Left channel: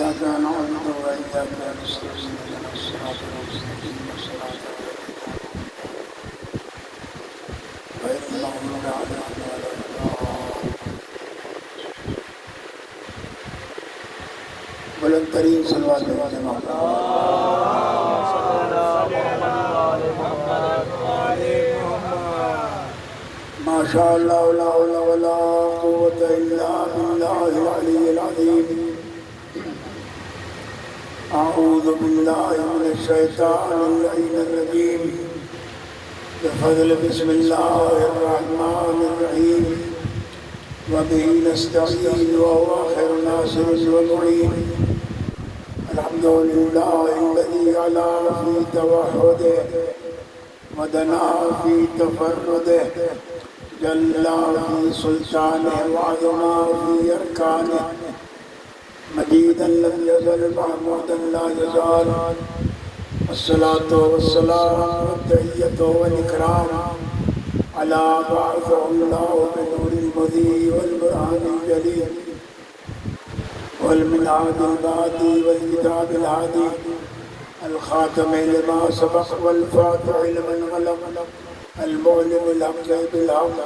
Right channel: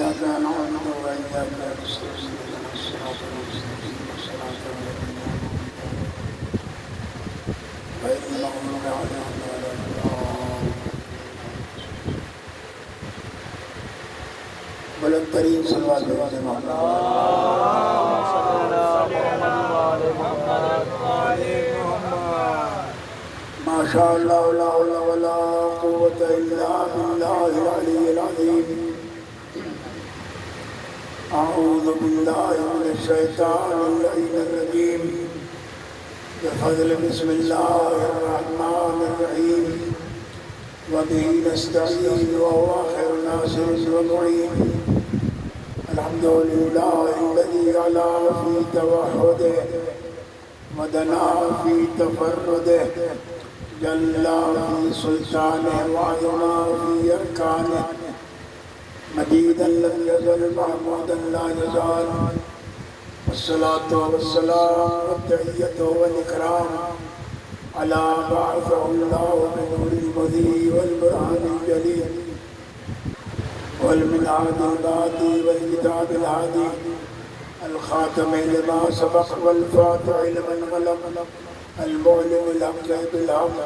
إياك نعبد وإياك نستعين اهدنا الصراط المستقيم صراط الذين غير المغضوب عليهم ولا الضالين. بلند ترین صلوات ما شاء الله لا حول ولا قوة إلا بالله العلي العظيم. أعوذ بالله من الشيطان اللعين الرجيم. بفضل بسم الله الرحمن الرحيم. وبه نستعين وهو خير ناصر ومعين. الحمد لله الذي علا في توحده ودنا في تفرده جل في سلطانه وعظما في أركانه مجيدا لم يزل محمودا لا يزال. الصلاة والسلام والتحية والإكرام على بعثه الله بنور المضي والبرهان الجلي والمنهاج الباقي والكتاب الهادي الخاتم لما سبق والفاتح لمن غلب المعلم الحق بالحق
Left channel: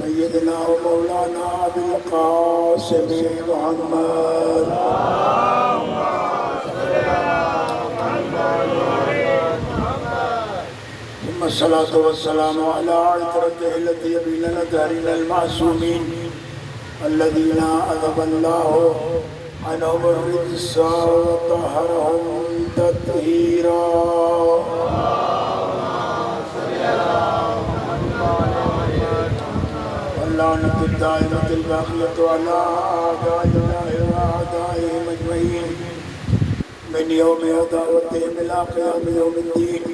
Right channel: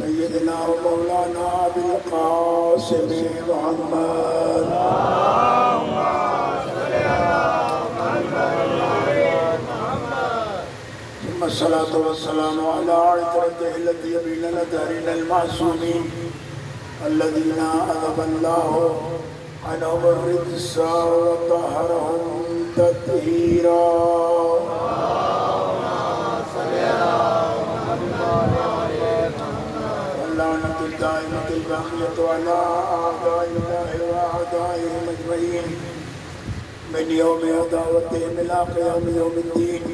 سيدنا ومولانا أبي القاسم محمد. ثم الصلاة والسلام على عترته التي يبين دارنا المعصومين الذين أذهب الله عنهم الرجس وطهرهم تطهيرا. واللعنة الدائمة الباقية على أعداء الله وأعدائهم أجمعين من يوم عداوتهم إلى قيام يوم الدين.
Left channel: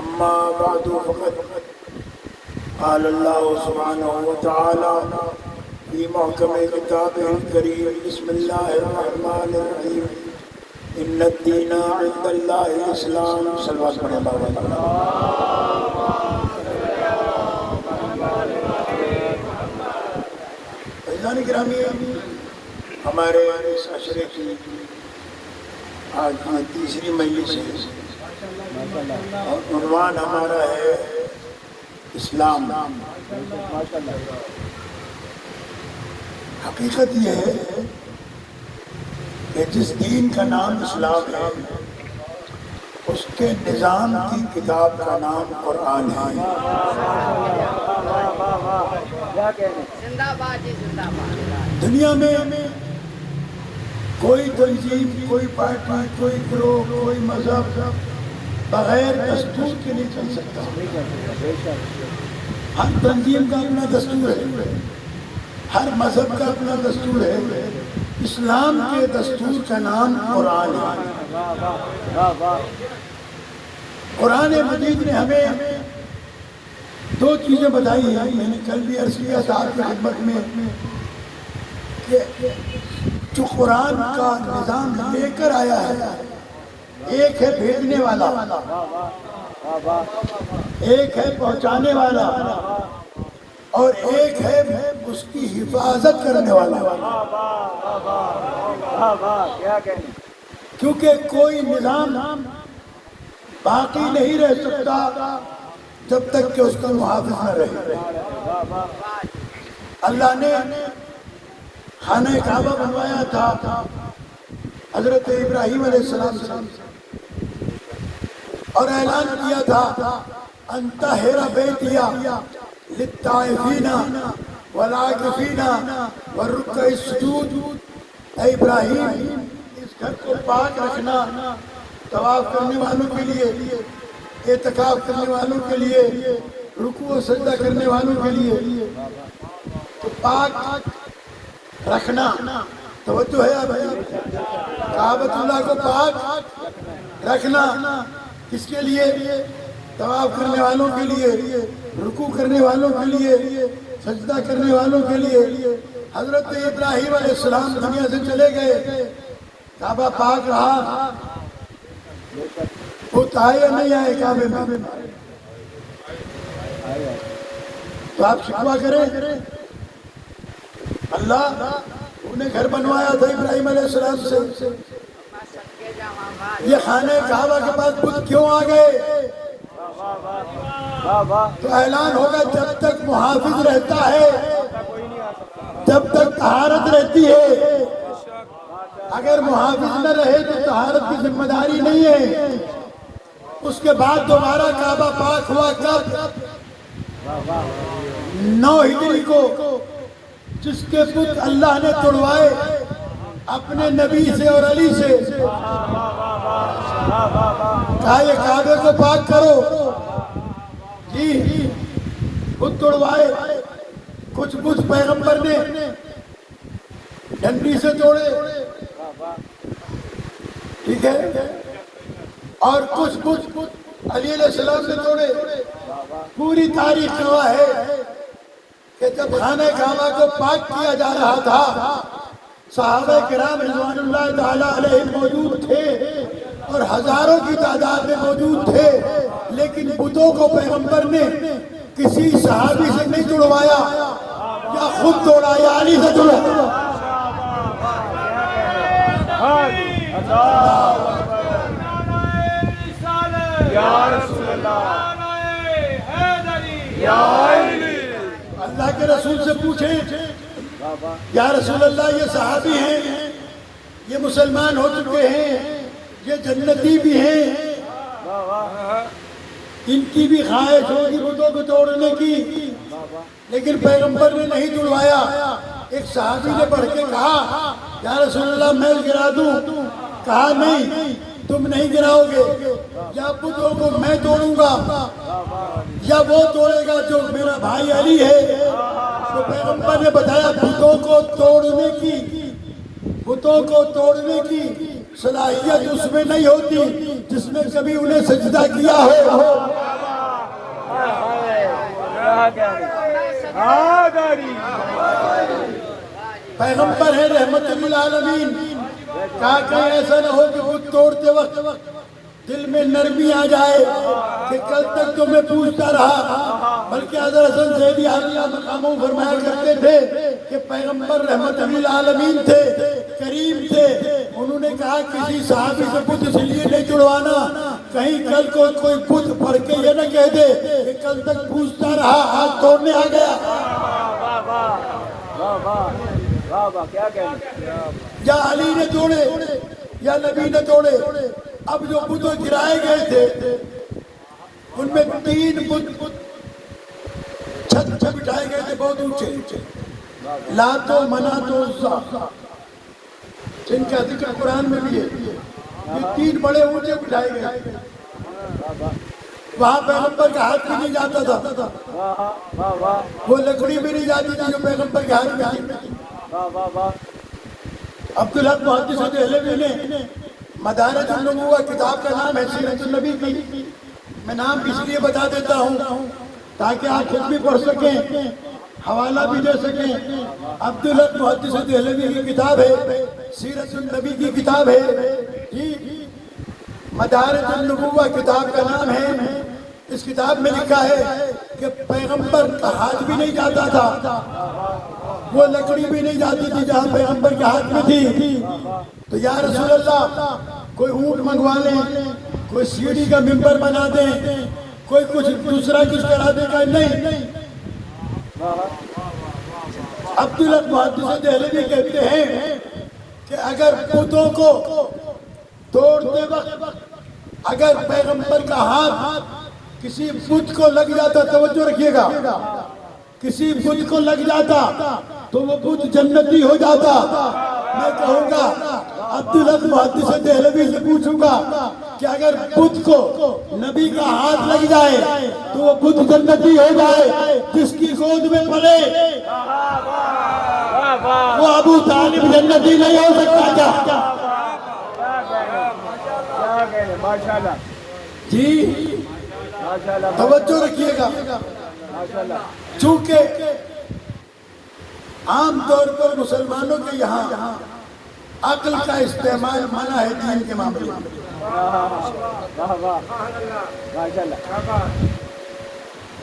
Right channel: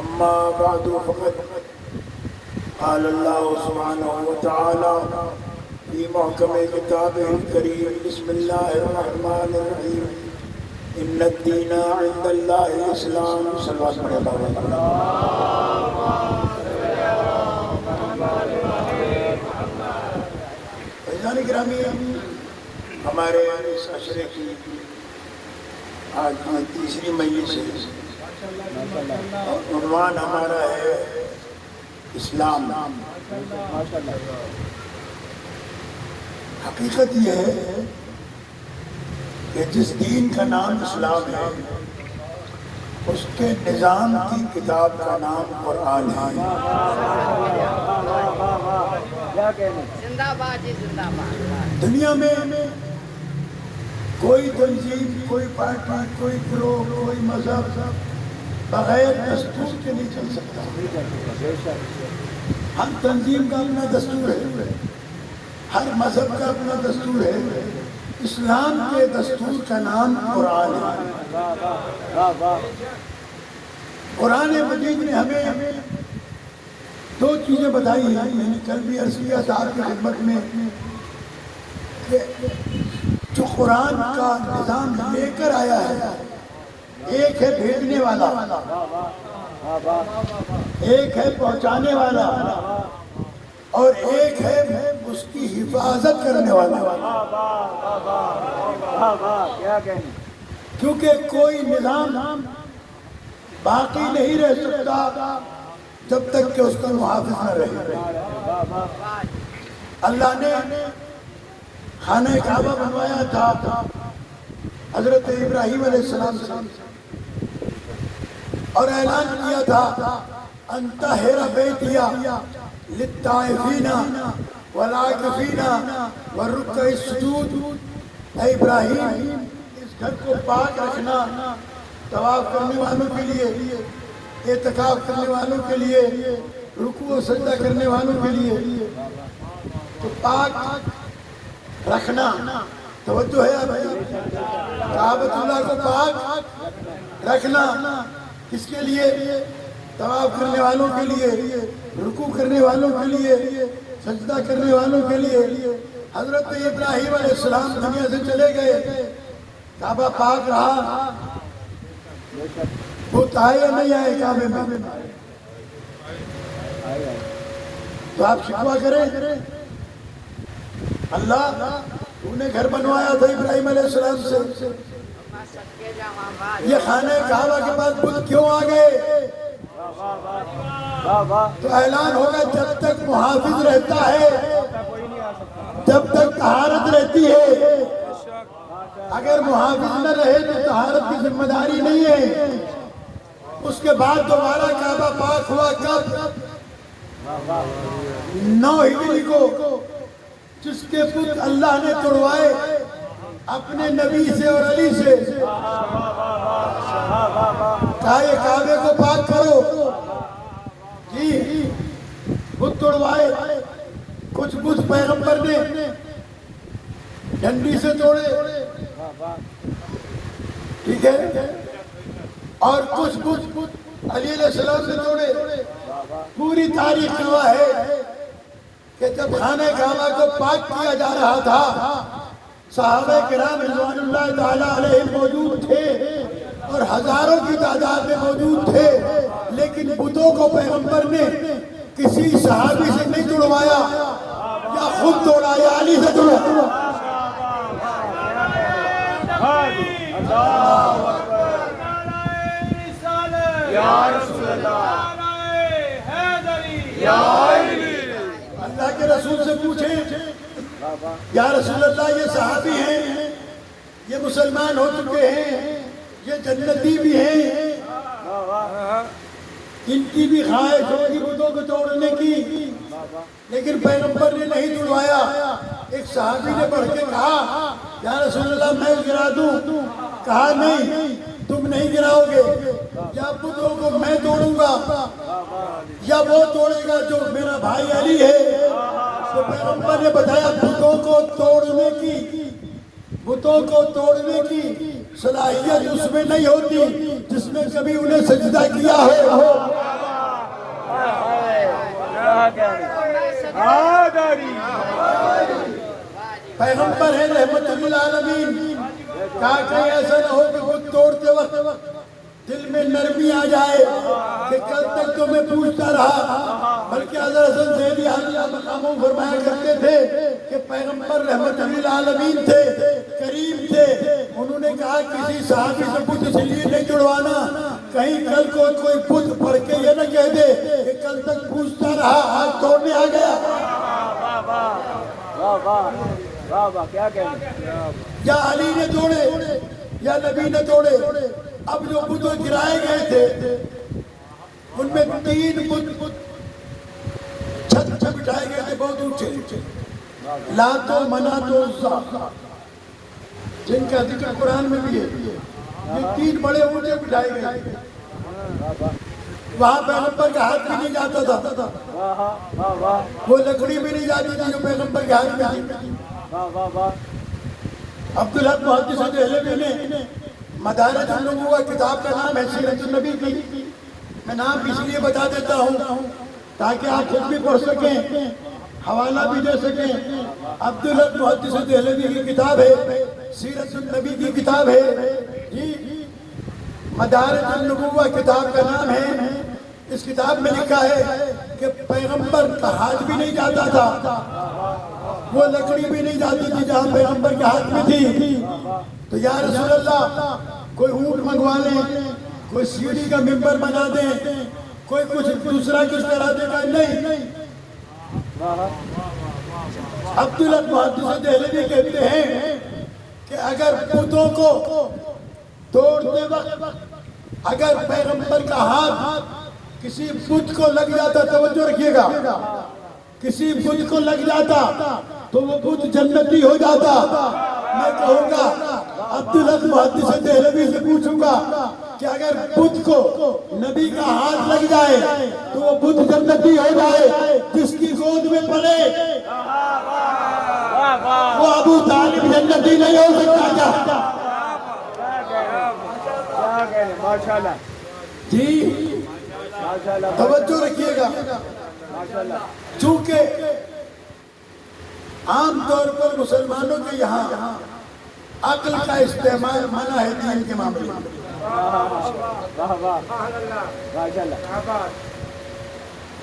أما بعد فقد قال الله سبحانه وتعالى في محكم كتابه الكريم بسم الله الرحمن الرحيم. إن الدين عند الله الإسلام. صلوات عزیزان گرامی، ہمارے اس عشرے کی آج تیسری مجلس ہے. عنوان ہمارا ہے اسلام. حقیقت یہ ہے کہ جس دین کا نام اسلام ہے اس کے نظام کی کتاب کا نام قرآن ہے. دنیا میں کوئی تنظیم، کوئی پارٹی، کوئی گروہ، کوئی مذہب بغیر دستور کے نہیں چل سکتا. ہر تنظیم کا اپنا دستور ہے، ہر مذہب کا اپنا دستور ہے. اسلام کے دستور کا نام قرآن ہے. قرآن مجید نے ہمیں دو چیزیں بتائی ہیں. میں نے کل بھی عرض کیا تھا آپ کی خدمت میں کہ جو قرآن کا نظام لے کر آیا ہے، ایک ہے بھیجنے والا، ایک ہے پہنچانے والا، اور ایک ہے اس کی حفاظت کرنے والا. کیونکہ کوئی نظام باقی نہیں رہ سکتا جب تک کہ اس کا محافظ نہ رہے. اللہ نے خانہ کعبہ بنوایا تھا حضرت ابراہیم علیہ السلام سے، اور اعلان کیا تھا انطہر بیتیا للطائفین والعاکفین والرکع السجود. اے ابراہیم، اس گھر کو پاک رکھنا طواف کرنے والوں کے لیے، اعتکاف کرنے والوں کے لیے، رکوع و سجدہ کرنے والوں کے لیے. تو پاک رکھنا توجہ ہے آپ کعبۃ اللہ کو پاک رکھنا کس کے لیے؟ طواف کرنے والوں کے لیے، رکوع کرنے والوں کے لیے، سجدہ کرنے والوں کے لیے. حضرت ابراہیم علیہ السلام دنیا سے چلے گئے، کعبہ پاک رہا. وہ آئے یا نہیں آئے کعبے میں؟ تو آپ شکوہ کریں اللہ انہیں گھر بنوایا تھا ابراہیم علیہ السلام سے. یہ خانہ کعبہ کے پاس بت کیوں آ گئے؟ تو اعلان ہوگا جب تک محافظ رہتا ہے، جب تک طہارت رہتی ہے. اگر محافظ نہ رہے تو طہارت کی ذمہ داری نہیں ہے. اس کے بعد دوبارہ کعبہ پاک ہوا کب؟ 9 ہجری کو، جس کے بت اللہ نے توڑوائے اپنے نبی سے اور علی سے. کہا یہ کعبے کو پاک کرو. جی بت توڑوائے. کچھ بت پیغمبر نے ڈنڈی سے توڑے، ٹھیک ہے، اور کچھ بت علی علیہ السلام سے توڑے. پوری تاریخ گواہ ہے کہ جب خانہ کعبہ کو پاک کیا جا رہا تھا، صحابہ کرام رضوان اللہ تعالیٰ علیہ موجود تھے اور ہزاروں کی تعداد میں موجود تھے، لیکن بتوں کو پیغمبر نے کسی صحابی سے نہیں توڑوایا، یا خود توڑا یا علی سے توڑا. اللہ کے رسول سے پوچھیں یا رسول اللہ یہ صحابی ہیں، یہ مسلمان ہو چکے ہیں، یہ جنتی بھی ہیں، ان کی بھی خواہش ہوگی بتوں کو توڑنے کی، لیکن پیغمبر نے نہیں توڑوایا. ایک صحابی نے بڑھ کے کہا یا رسول اللہ میں گرا دوں. کہا نہیں، تم نہیں گراؤ گے. یا بتوں کو میں توڑوں گا یا وہ توڑے گا جو میرا بھائی علی ہے. تو پیغمبر نے بتایا بتوں کو توڑنے کی صلاحیت اس میں نہیں ہوتی جس نے کبھی انہیں سجدہ کیا ہو. پیغمبر ہے رحمت للعالمین. کہا کہ ایسا نہ ہو کہ بت توڑتے وقت دل میں نرمی آ جائے کہ کل تک تو میں پوچھتا رہا. بلکہ حضرت حسن زیدی علیہ مقاموں فرمایا کرتے تھے کہ پیغمبر رحمت للعالمین تھے، کریم تھے. انہوں نے کہا کسی صحابی کو بت اس لیے نہیں توڑوانا کہیں کل کو کوئی بت پڑھ کے یہ نہ کہہ دے کہ کل تک پوچھتا رہا آج توڑنے آ گیا. کیا کہنا، یا علی نے توڑے یا نبی نے توڑے. اب جو بت گرائے گئے تھے ان میں 3 بت چھت پہ بٹھائے گئے تھے بہت اونچے، لات و منات و عزا، جن کا ذکر قرآن میں بھی ہے. یہ 3 بڑے اونچے بٹھائے گئے تھے. وہاں پیغمبر کا ہاتھ بھی نہیں جاتا تھا، وہ لکڑی بھی نہیں جاتی تھی جو پیغمبر کے ہاتھ میں تھی. عبدالحق محدث دہلوی نے مدارج النبوہ کتاب کا نام ہے سیرت النبی کی. میں نام اس لیے بتا دیتا ہوں تاکہ آپ خود بھی پڑھ سکیں، حوالہ بھی دے سکیں. عبدالحق محدث دہلوی کی کتاب ہے، سیرت النبی کی کتاب ہے. مدارج النبوہ کتاب کا نام ہے. اس کتاب میں لکھا ہے کہ پیغمبر کا ہاتھ بھی نہیں جاتا تھا، وہ لکڑی بھی نہیں جاتی تھی جہاں پیغمبر کے ہاتھ میں تھی. تو یا رسول اللہ کوئی اونٹ منگوا لیں، کوئی سیڑھی کا ممبر بنا دیں، کوئی کچھ دوسرا کچھ کرا دے گا. نہیں. عبدالحق محدث دہلوی کہتے ہیں کہ اگر بتوں کو توڑتے وقت اگر پیغمبر کا ہاتھ کسی بت کو لگ جاتا، توجہ رکھیے گا، کسی بت کو لگ جاتا تو وہ بت جنتی ہو جاتا. میں کہوں گا عبدالحق محدث دہلوی سے پوچھوں گا کہ اگر بت کو نبی کا ہاتھ لگ جائے تو وہ بت جنتی ہو جائے. جس کی گود میں پڑے وہ ابو طالب جنتی نہیں ہو سکتا. ماشاءاللہ جی توجہ رکھیے گا. چونکہ عام طور پر مسلمانوں کے یہاں عقل کا استعمال منع ہے دین کے معاملے میں.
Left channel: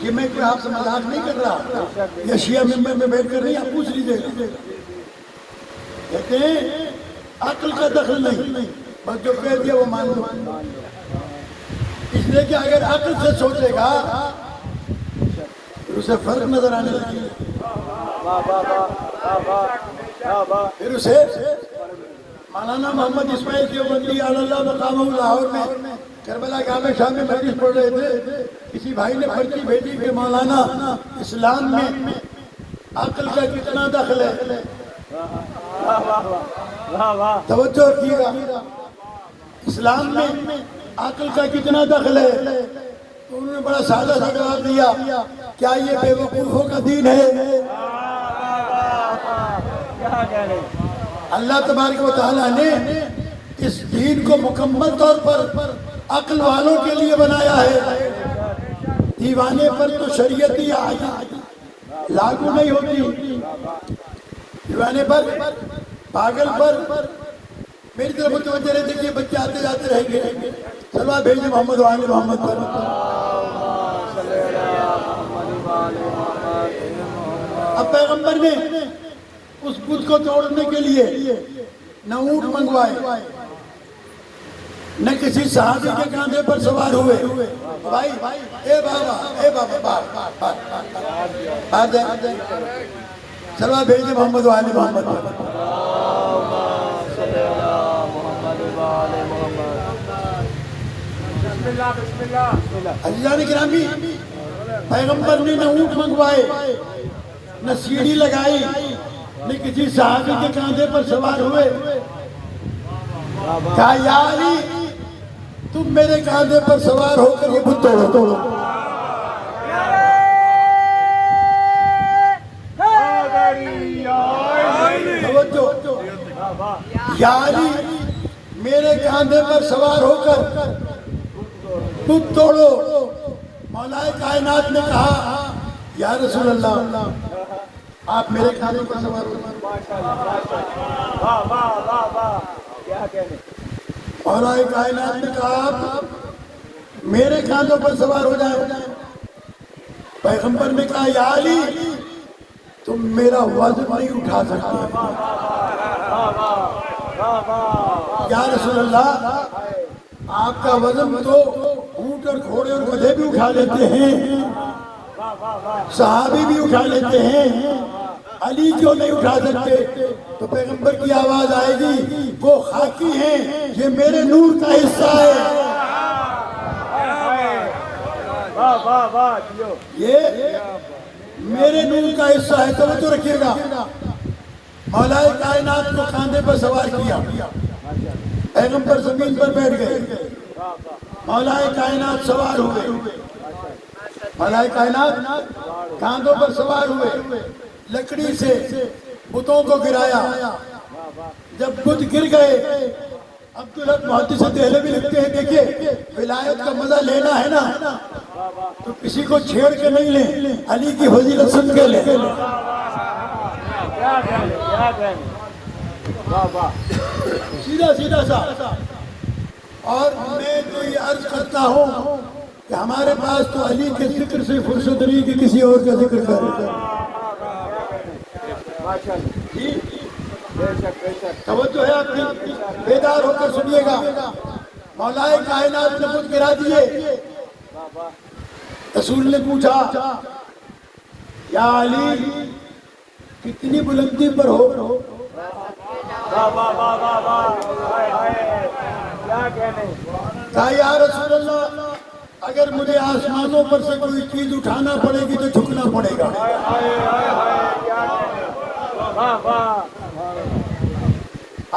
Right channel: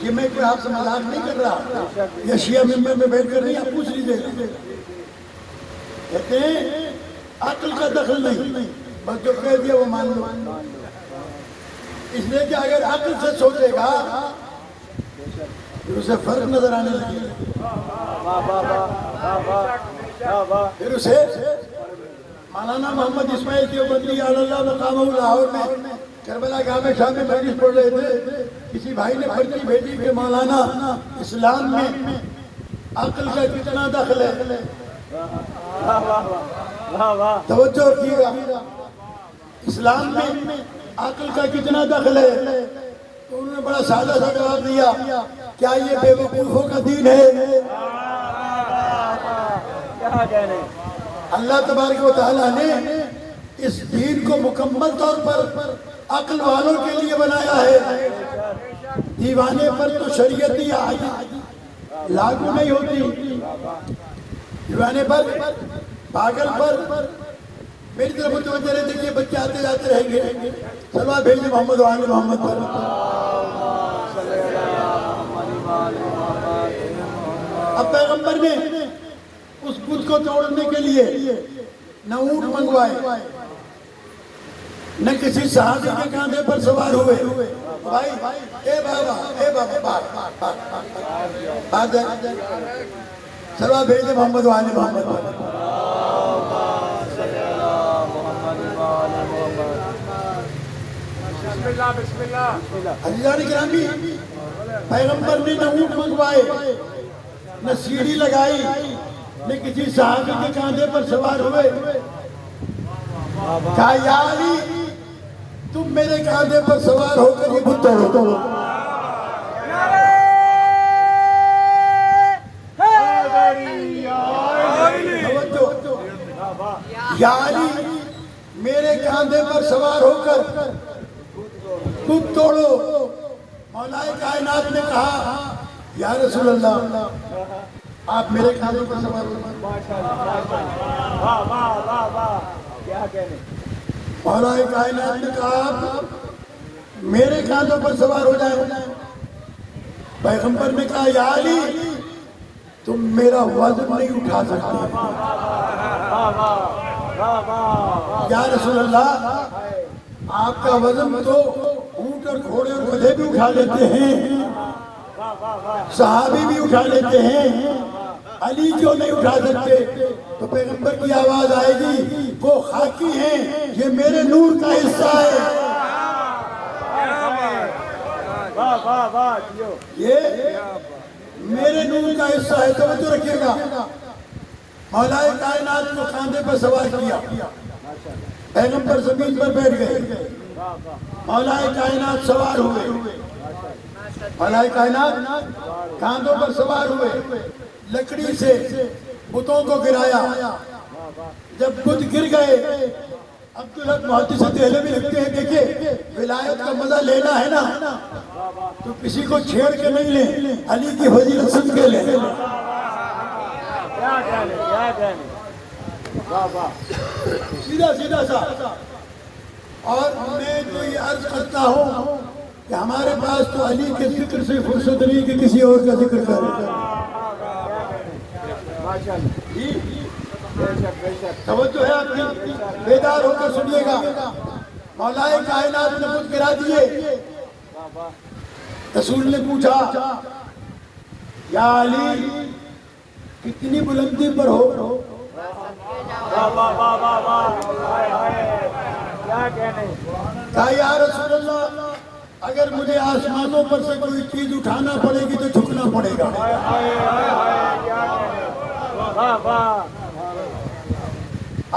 یہ میں کوئی آپ سے مذاق نہیں کر رہا، یہ شیعہ ممبر میں بیٹھ کر نہیں، آپ پوچھ لیجیے. کہتے ہیں عقل کا دخل نہیں، بس جو کہہ دیا وہ مان لو۔ اس لیے کہ اگر عقل سے سوچے گا پھر اسے فرق نظر آنے لگے گا، پھر اسے مولانا محمد اسماعیل دیوبندی اللہ مقامہ لاہور میں کربلا گاہ میں شام میں مجلس پڑھ رہے تھے، کسی بھائی نے پرچی بھیجی کہ مولانا اسلام میں عقل کا کتنا دخل ہے، توجہ رکھیے گا، اسلام میں عقل کا کتنا دخل ہے؟ تو انہوں نے بڑا سادہ سا جواب دیا، کیا یہ بے وقوفوں کا دین ہے؟ اللہ تبارک و تعالیٰ نے اس دین کو مکمل طور پر عقل والوں کے لیے بنایا ہے، دیوانے پر تو شریعت ہی لاگو نہیں ہوتی، دیوانے پر پاگل پر میری طرف متوجہ رہتے کہ بچے آتے جاتے رہیں گے، سلوات بھیجیں محمد و آل محمد پر۔ اب پیغمبر نے اس بت کو توڑنے کے لیے نہ اونٹ منگوائے، نہ کسی صحابی کے کاندھے پر سوار ہوئے، بھائی اے بابا سلوات بھیجیں محمد و آل محمد پر۔ عزیزان گرامی، پیغمبر نے نہ اونٹ منگوائے، نہ سیڑھی لگائی، نہ کسی صحابی کے کاندھے پر سوار ہوئے، کہا یا علی تم میرے کاندھے پر سوار ہو کر یہ بت توڑو۔ یا علی میرے کاندھے پر سوار ہو کر بت توڑو۔ مولا کائنات نے کہا یا رسول اللہ آپ میرے کاندھے پر سوار ہو کر۔ مولا کائنات نے کہا آپ میرے کاندھوں پر سوار ہو جائے۔ پیغمبر نے کہا یا علی تم میرا وزن نہیں اٹھا سکتے۔ یا رسول اللہ آپ کا وزن تو اونٹ اور گھوڑے اور گدھے بھی اٹھا لیتے ہیں، صحابی بھی اٹھا لیتے ہیں، علی کیوں نہیں اٹھا سکتے؟ تو پیغمبر کی آواز آئے گی وہ خاکی ہیں، یہ میرے نور کا حصہ ہے، یہ میرے نور کا حصہ ہے۔ توجہ رکھیے گا، مولا کائنات کو کاندھے پر سوار کیا، پیغمبر زمین پر بیٹھ گئے، مولا کائنات سوار ہوئے، مولا کائنات کاندھوں پر سوار ہوئے، لکڑی سے بتوں کو گرایا، جب بت گر گئے عبدالحق محدث دہلوی بھی لکھتے ہیں دیکھیے ولایت کا مزہ لینا ہے نا تو کسی کو چھیڑ کے نہیں لیں، علی کی فضیلت سن کے لیں۔ سیدھا سا اور میں تو یہ عرض کرتا ہوں کہ ہمارے پاس تو علی کے ذکر سے فرصت نہیں کہ کسی اور کا ذکر کرے۔ توجہ ہے آپ کی، بیدار ہو کر سنیے گا۔ مولا کائنات نے بت گرا دیے، رسول نے پوچھا یا علی کتنی بلندی پر ہو؟ کہا یا رسول اللہ اگر مجھے آسمانوں پر سے کوئی چیز اٹھانا پڑے گی تو جھکنا پڑے گا۔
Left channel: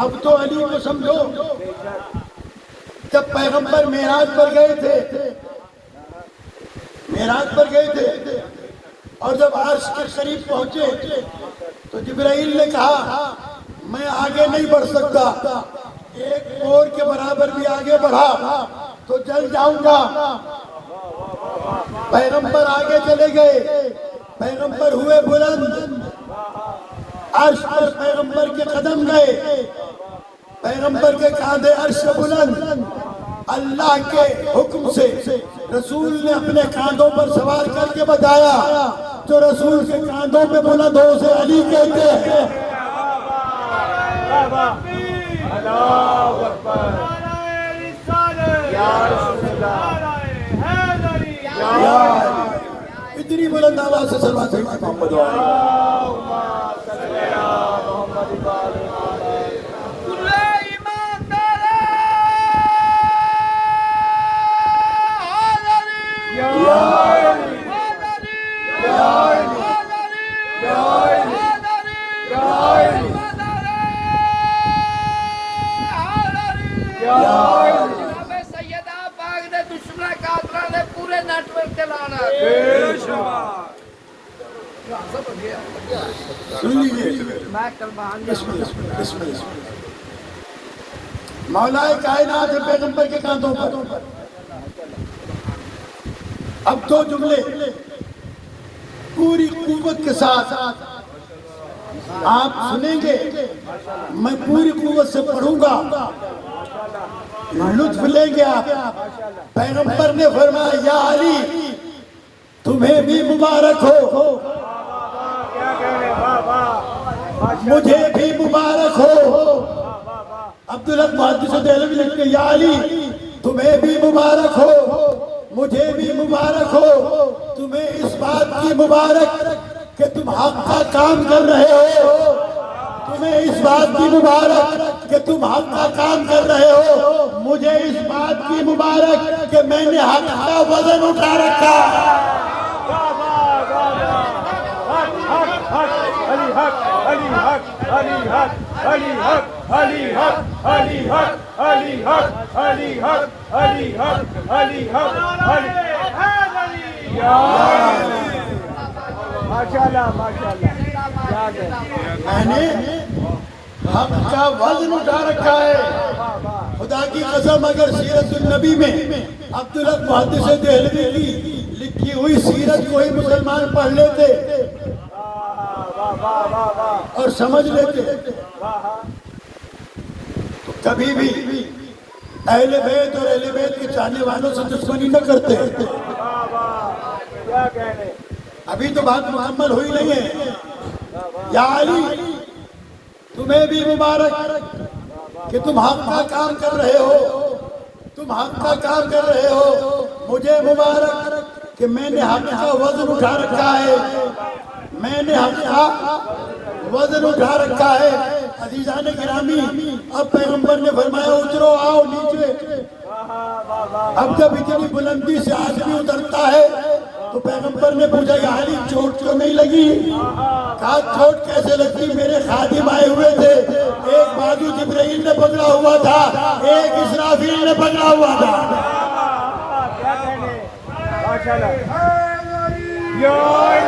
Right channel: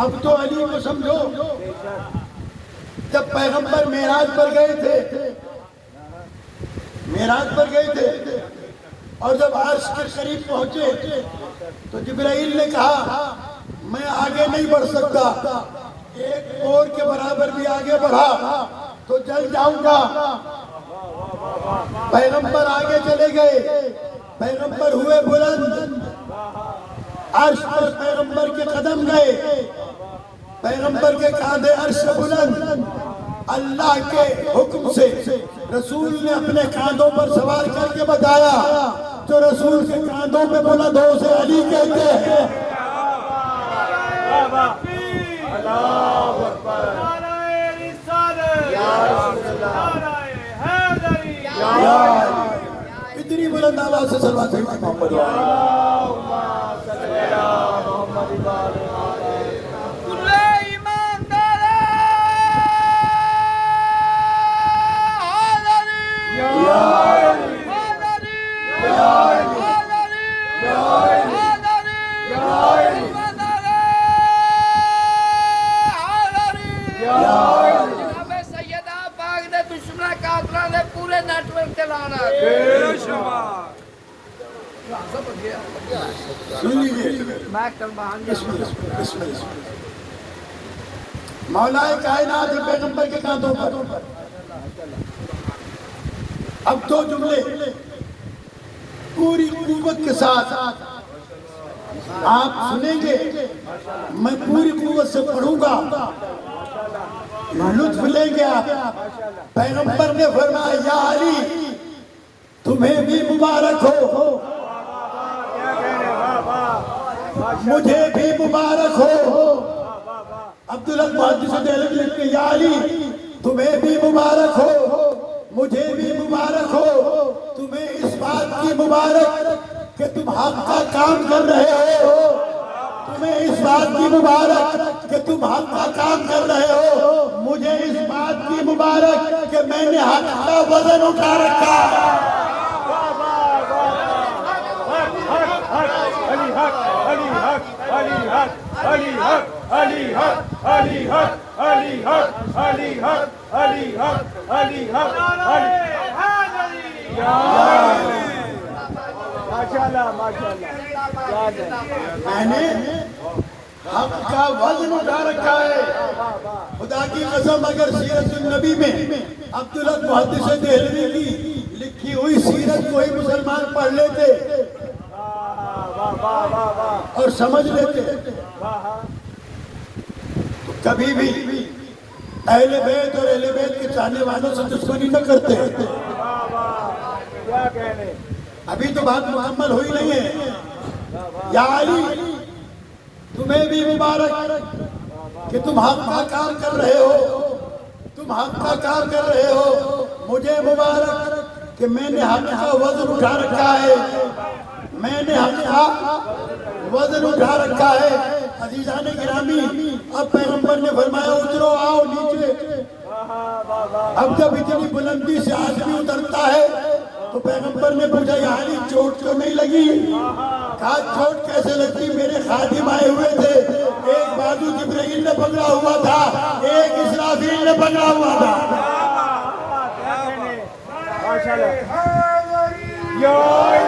اب تو علی کو سمجھو، جب پیغمبر معراج پر گئے تھے اور جب عرش کے قریب پہنچے تو جبرائیل نے کہا میں آگے نہیں بڑھ سکتا، ایک اور کے برابر بھی آگے بڑھا تو جل جاؤں گا۔ پیغمبر آگے چلے گئے، پیغمبر ہوئے بلند، عرش پر پیغمبر کے قدم گئے، پیغمبر کے کاندھے عرش سے بلند، اللہ کے حکم سے رسول نے اپنے کاندھوں پر سوار کر کے بتایا، جو رسول کے کاندھوں پہ بلند ہو اسے علی کہتے ہیں۔ بابا اللہ اکبر یا رسول اللہ یا علی۔ اتنی بلند آواز سے صلوات ہے محمد اللہم صلی علی محمد و آل محمد۔ یا علی یا علی یا علی یا علی یا علی سیدہ پاک نے بسملہ کاترہ نے پورے نیٹورک چلانا بے شمار سن لیجیے میں کلمہ بسم اللہ بسم اللہ۔ مولا کائنات پیغمبر کے کاندھوں پر اب دو جملے پوری قوت کے ساتھ آپ سنیں گے، میں پوری قوت سے پڑھوں گا، لطف لیں گے آپ۔ پیغمبر نے فرمایا یا علی تمہیں بھی مبارک ہو، کیا کہہ رہے بابا مجھے بھی مبارک ہو۔ عبداللہ محدث دہلوی لکھتے ہیں یا علی تمہیں بھی مبارک ہو، مجھے بھی مبارک ہو، تمہیں اس بات کی مبارک کہ تم حق کا کام کر رہے ہو، تمہیں اس بات کی مبارک کہ تم حق کا کام کر رہے ہو، مجھے اس بات کی مبارک کہ میں نے حق کا وزن اٹھا رکھا۔ بابا بابا حق حق علی حق علی حق علی حق علی حق علی حق علی حق علی حق علی حق علی حق علی حق علی یا ماشاءاللہ ماشاءاللہ یاد ہے میں نے حق کا وزن اٹھا رکھا ہے۔ خدا کی قسم اگر سیرت النبی میں عبداللہ محدث دہلوی کی لکھی ہوئی سیرت کو ہی مسلمان پڑھ لیتے اور سمجھ لیتے کبھی بھی اہل بیت اور اہل بیت کے چاہنے والوں سے دشمنی نہ کرتے۔ کیا کہنے ابھی تو بات مکمل ہوئی نہیں ہے۔ یا علی تمہیں بھی مبارک کہ تم حق کا کام کر رہے ہو، تم حق کا کام کر رہے ہو، مجھے مبارک کہ میں نے حق کا وزن اٹھا رکھا ہے، میں نے حق کا وزن اٹھا رکھا ہے۔ عزیزان گرامی اب پیغمبر نے فرمایا اترو آؤ نیچے۔ اب جب اتنی بلندی سے آدمی اترتا ہے تو پیغمبر نے پوچھا یا علی چوٹ تو نہیں لگی؟ کہا چوٹ کیسے لگتی، میرے خادم آئے ہوئے تھے، ایک بازو جبرائیل نے پکڑا ہوا تھا، ایک اسرافیل نے پکڑا ہوا تھا۔ کیا کہنے ماشاءاللہ یا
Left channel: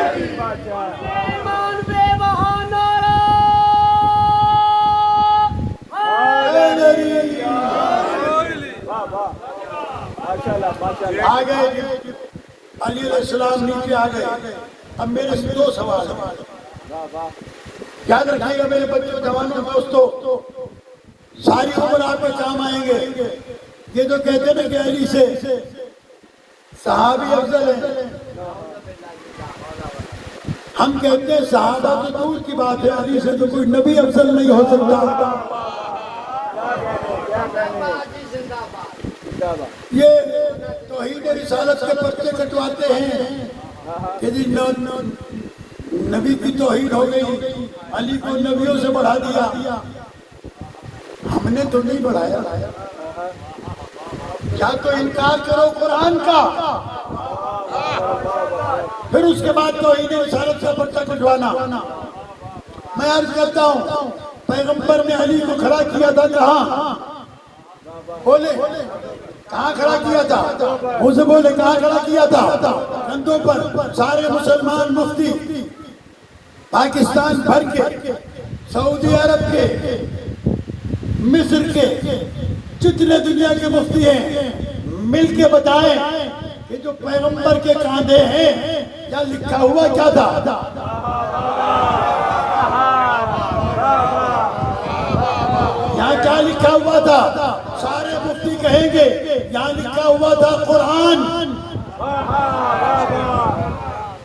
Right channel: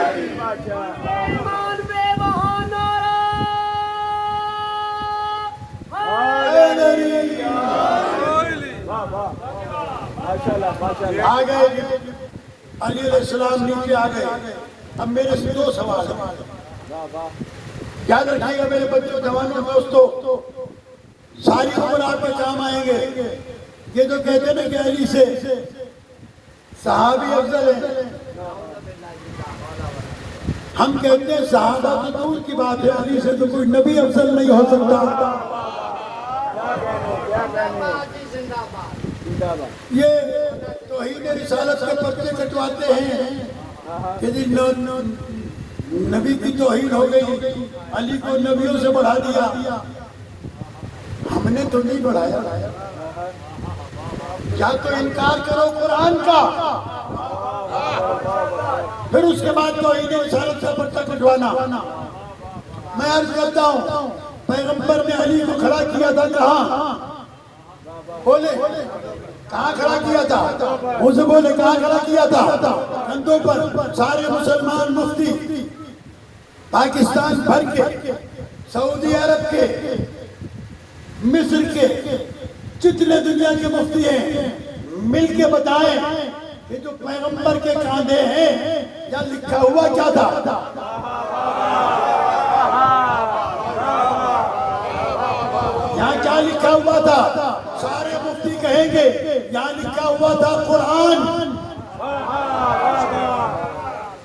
علی ماشاءاللہ ماشاءاللہ ماشاءاللہ آ گئے علی علیہ السلام نیچے آ گئے۔ اب میرے سے دو سوال ہیں، یاد رکھیے گا میرے بچے جوان دوستو، ساری عمر آپ کے کام آئیں گے۔ یہ جو کہتے ہیں نا کہ علی سے صحابی افضل ہے، ہم کہتے ہیں صحابہ تو دور کی بات ہے، علی سے تو کوئی نبی افضل نہیں ہو سکتا۔ یہ توحید رسالت کے پرچے کٹواتے ہیں کہ جی نبی کی توحید ہو گئی، علی کو نبیوں سے بڑھا دیا۔ ہم نے تو نہیں بڑھایا، یا تو انکار کرو قرآن کا، پھر اس کے بعد توحید رسالت کا پرچہ کٹوانا۔ میں عرض کرتا ہوں پیغمبر نے علی کو کھڑا کیا تھا کہاں؟ بولے کہاں کھڑا کیا تھا؟ مجھے بولے کہاں کھڑا کیا تھا؟ کندھوں پر۔ سارے مسلمان مفتی پاکستان بھر کے، سعودی عرب کے، مصر کے، جتنے دنیا کے مفتی ہیں مل کے بتائیں کہ جو پیغمبر کے کاندھے ہیں یا لکھا ہوا کیا تھا؟ یہاں کیا لکھا ہوا تھا؟ سارے مفتی کہیں گے یہاں لکھا ہوا تھا قرآن۔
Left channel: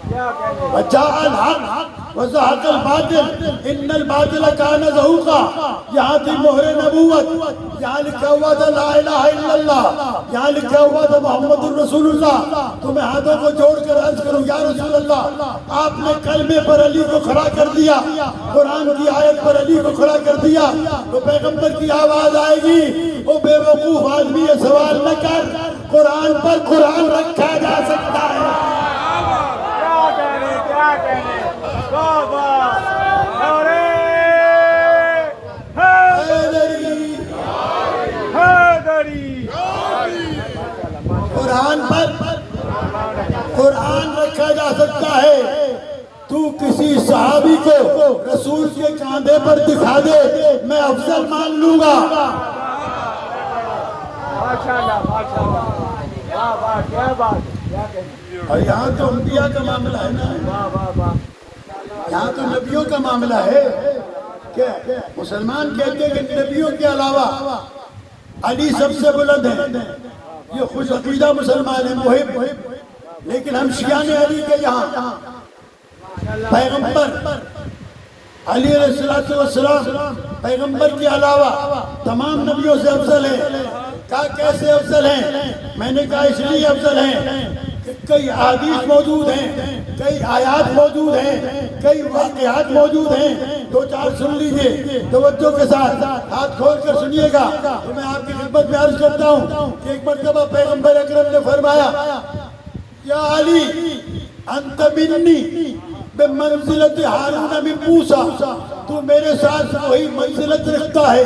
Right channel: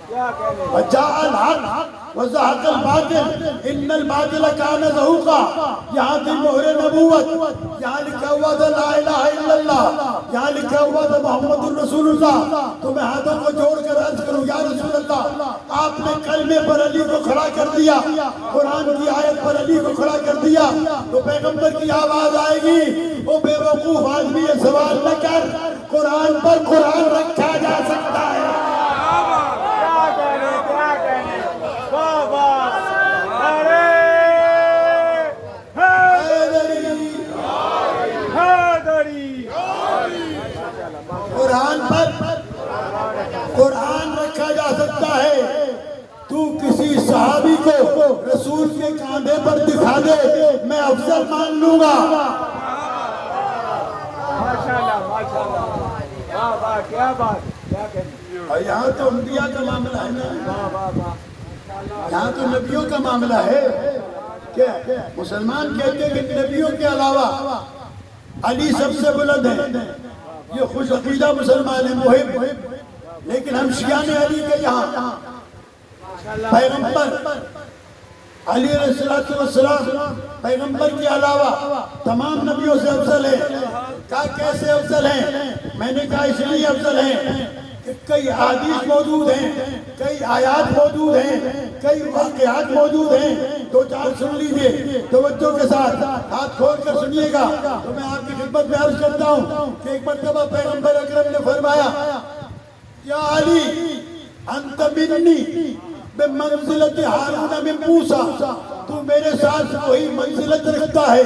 کیا کہنے وجاء الحق وزهق الباطل ان الباطل كان زهوقا. یہاں تھی مہر نبوت, یہاں لکھا ہوا تھا لا الہ الا اللہ, یہاں لکھا ہوا تھا محمد الرسول اللہ. تو میں ہاتھوں کو جوڑ کر عرض کروں یا رسول اللہ, آپ نے کلمے پر علی کو کھڑا کر دیا, قرآن کی آیت پر علی کو کھڑا کر دیا, تو پیغمبر کی آواز آئے گی, وہ بے وقوف آدمی یہ سوال نہ کر, قرآن پر قرآن رکھا جا سکتا ہے. کیا کہنے بابا حیدری. قرآن پر قرآن رکھا جا سکتا ہے. تو کسی صحابی کو رسول کے کاندھے پر دکھا دے, میں افضل مان لوں گا. ماشاءاللہ ماشاءاللہ, واہ واہ, کیا بات, کیا کہنے. اور یہاں تو انبیاء کا معاملہ ہے نا, واہ واہ واہ, یہاں تو نبیوں کا معاملہ ہے. کیا مسلمان کہتے ہیں کہ نبیوں کے علاوہ علی سب سے بلند ہے, یہ خوش عقیدہ مسلمان ہے, محب. لیکن ہم شیعان علی کے یہاں پیغمبر علی علیہ السلام پیغمبر کے علاوہ تمام نبیوں سے افضل ہے. کہا کیسے افضل ہیں؟ میں نے کہا اس لیے افضل ہیں کہ کئی احادیث موجود ہیں, کئی آیات موجود ہیں, کئی واقعات موجود ہیں. دو چار سن لیجئے توجہ کے ساتھ, ہاتھ کھول کر سنیے گا. تو میں آپ کی خدمت میں عرض کرتا ہوں کہ ایک مرتبہ پیغمبر اکرم نے فرمایا, یا علی انت منی بمنزلت ہارون من موسیٰ, تو میرے ساتھ وہی منزلت رکھتا ہے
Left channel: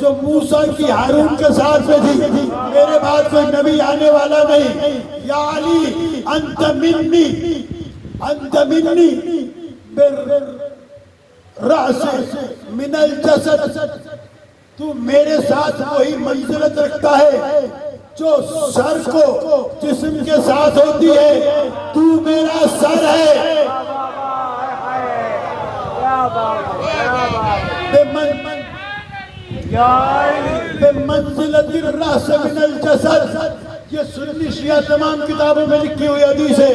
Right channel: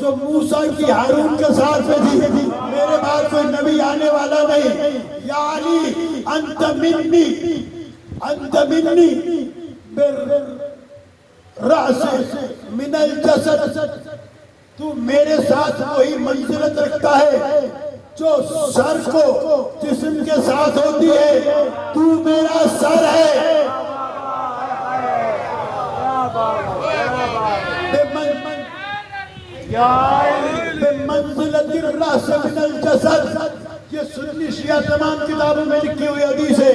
جو موسیٰ کی ہارون کے ساتھ میں تھی. میرے بعد کوئی نبی آنے والا نہیں. یا علی انت منی بالرأس من الجسد, تو میرے ساتھ وہی منزلت رکھتا ہے جو سر کو جسم کے ساتھ ہوتی ہے. تو میرا سر ہے. بمنزلت الرأس من الجسد, یہ سنی شیعہ تمام کتابوں میں لکھی ہوئی حدیث ہے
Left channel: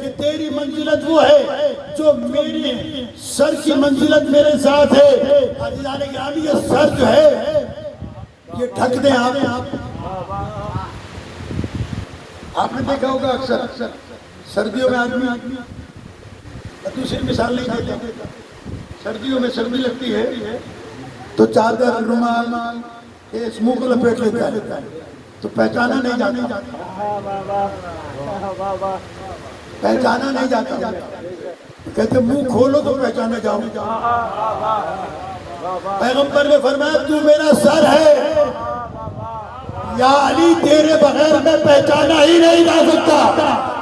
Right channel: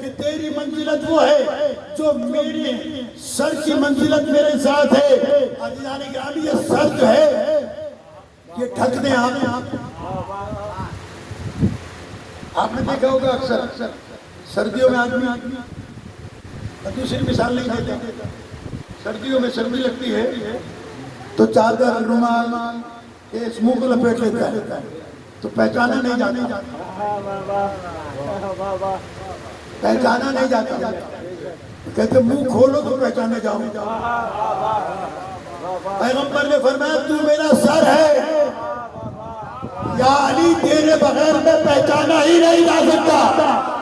کہ تیری منزلت وہ ہے جو میرے سر کی منزلت میرے ساتھ ہے. عزیزان گرامی, یہ سر جو ہے یہ ڈھک دیں. آپ نے دیکھا ہوگا اکثر سردیوں میں آدمی, دوسری مثال نہیں دیتا, سردیوں میں سردی لگتی ہے تو چادر رومال اس منہ کو لپیٹ لیتا ہے, تو پہچانا نہیں جاتا, پہچانا نہیں جاتا. کہتے منہ کھولو تو پہچانے جاؤ. پیغمبر نے فرمایا تو میرا سر ہے. یا علی تیرے بغیر میں پہچانا ہی نہیں جا سکتا.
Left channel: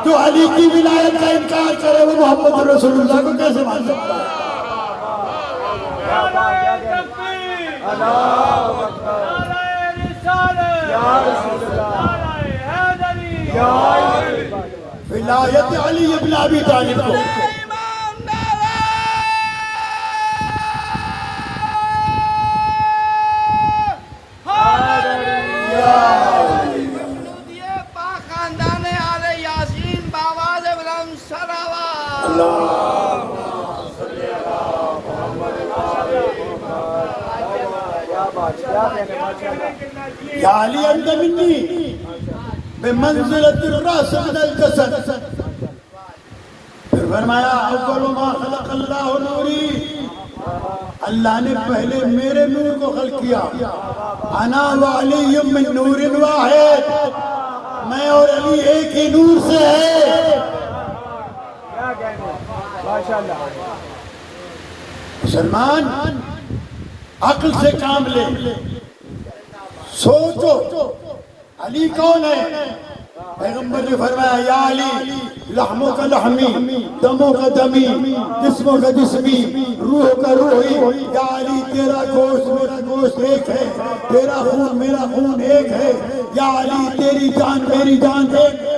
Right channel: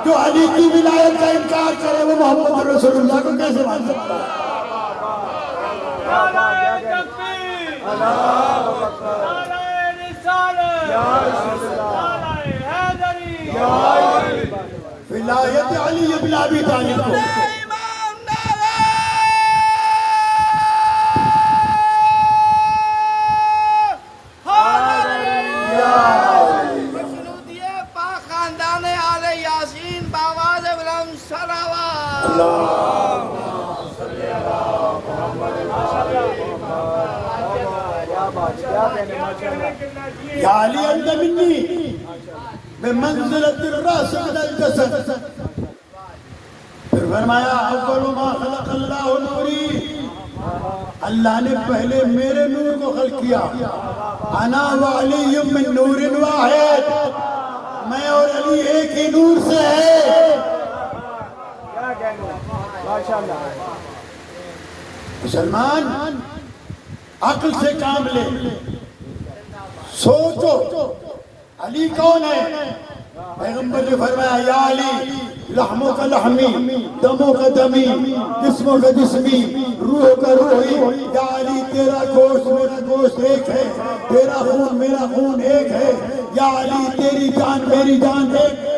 جو علی کی ولایت کا انکار کرے وہ محمد رسول اللہ کو کیسے مان سکتا ہے؟ ولایت علی ابن ابی طالب کو یا علی انت منی بمنزلت الرأس من الجسد. پھر فرمایا اول ما خلق اللہ نوری, اللہ نے پہلے میرے نور کو خلق کیا. انا وعلی من نور واحد, میں اور علی ایک ہی نور سے ہے. مسلمان عقل سے کام لے, سوچو علی کون ہے؟ پیغمبر نے فرمایا یا علی لحموں کا لحمی, دموں کا دمی, جسموں کا جسمی, روح کا روحی. یا علی تیرا گوشت میرا گوشت ایک ہے, تیرا خون میرا خون ایک ہے. یا علی تیری جان میری جان ایک ہے.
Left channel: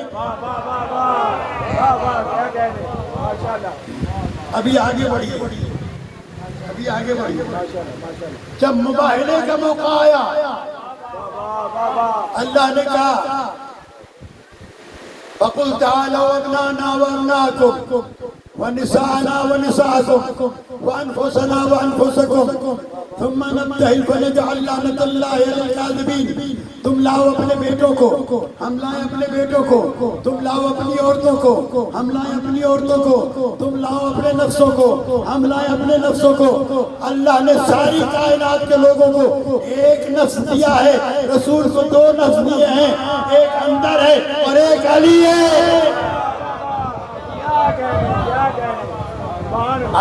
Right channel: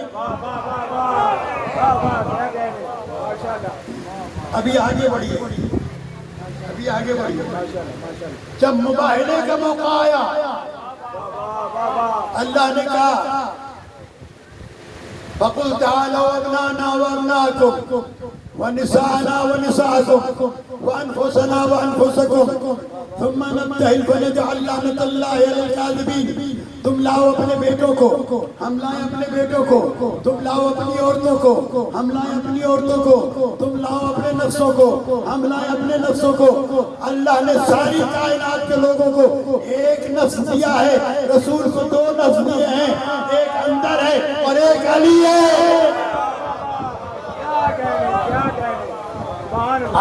ابھی آگے بڑھیے, ابھی آگے بڑھیے. جب مباہلے کا موقع آیا اللہ نے کہا فَقُلْ تَعَالَوْا أَبْنَاءَنَا وَأَبْنَاءَكُمْ ونساءنا ونساءكم وأنفسنا وأنفسكم ثم نبتهل فنجعل لعنة الله على الكاذبين. تم لاؤ اپنے بیٹوں کو، ہم لائیں اپنے بیٹوں کو. تم لاؤ اپنی عورتوں کو، ہم لائیں اپنی عورتوں کو. تم لاؤ اپنے نفسوں کو، ہم لائیں اپنے نفسوں کو. اللہ نے ساری کائنات کے لوگوں کو ایک نفس دیا ہے، رسول کو 2 نفس دیے ہیں، ایک اندر ہے اور ایک علی ہے.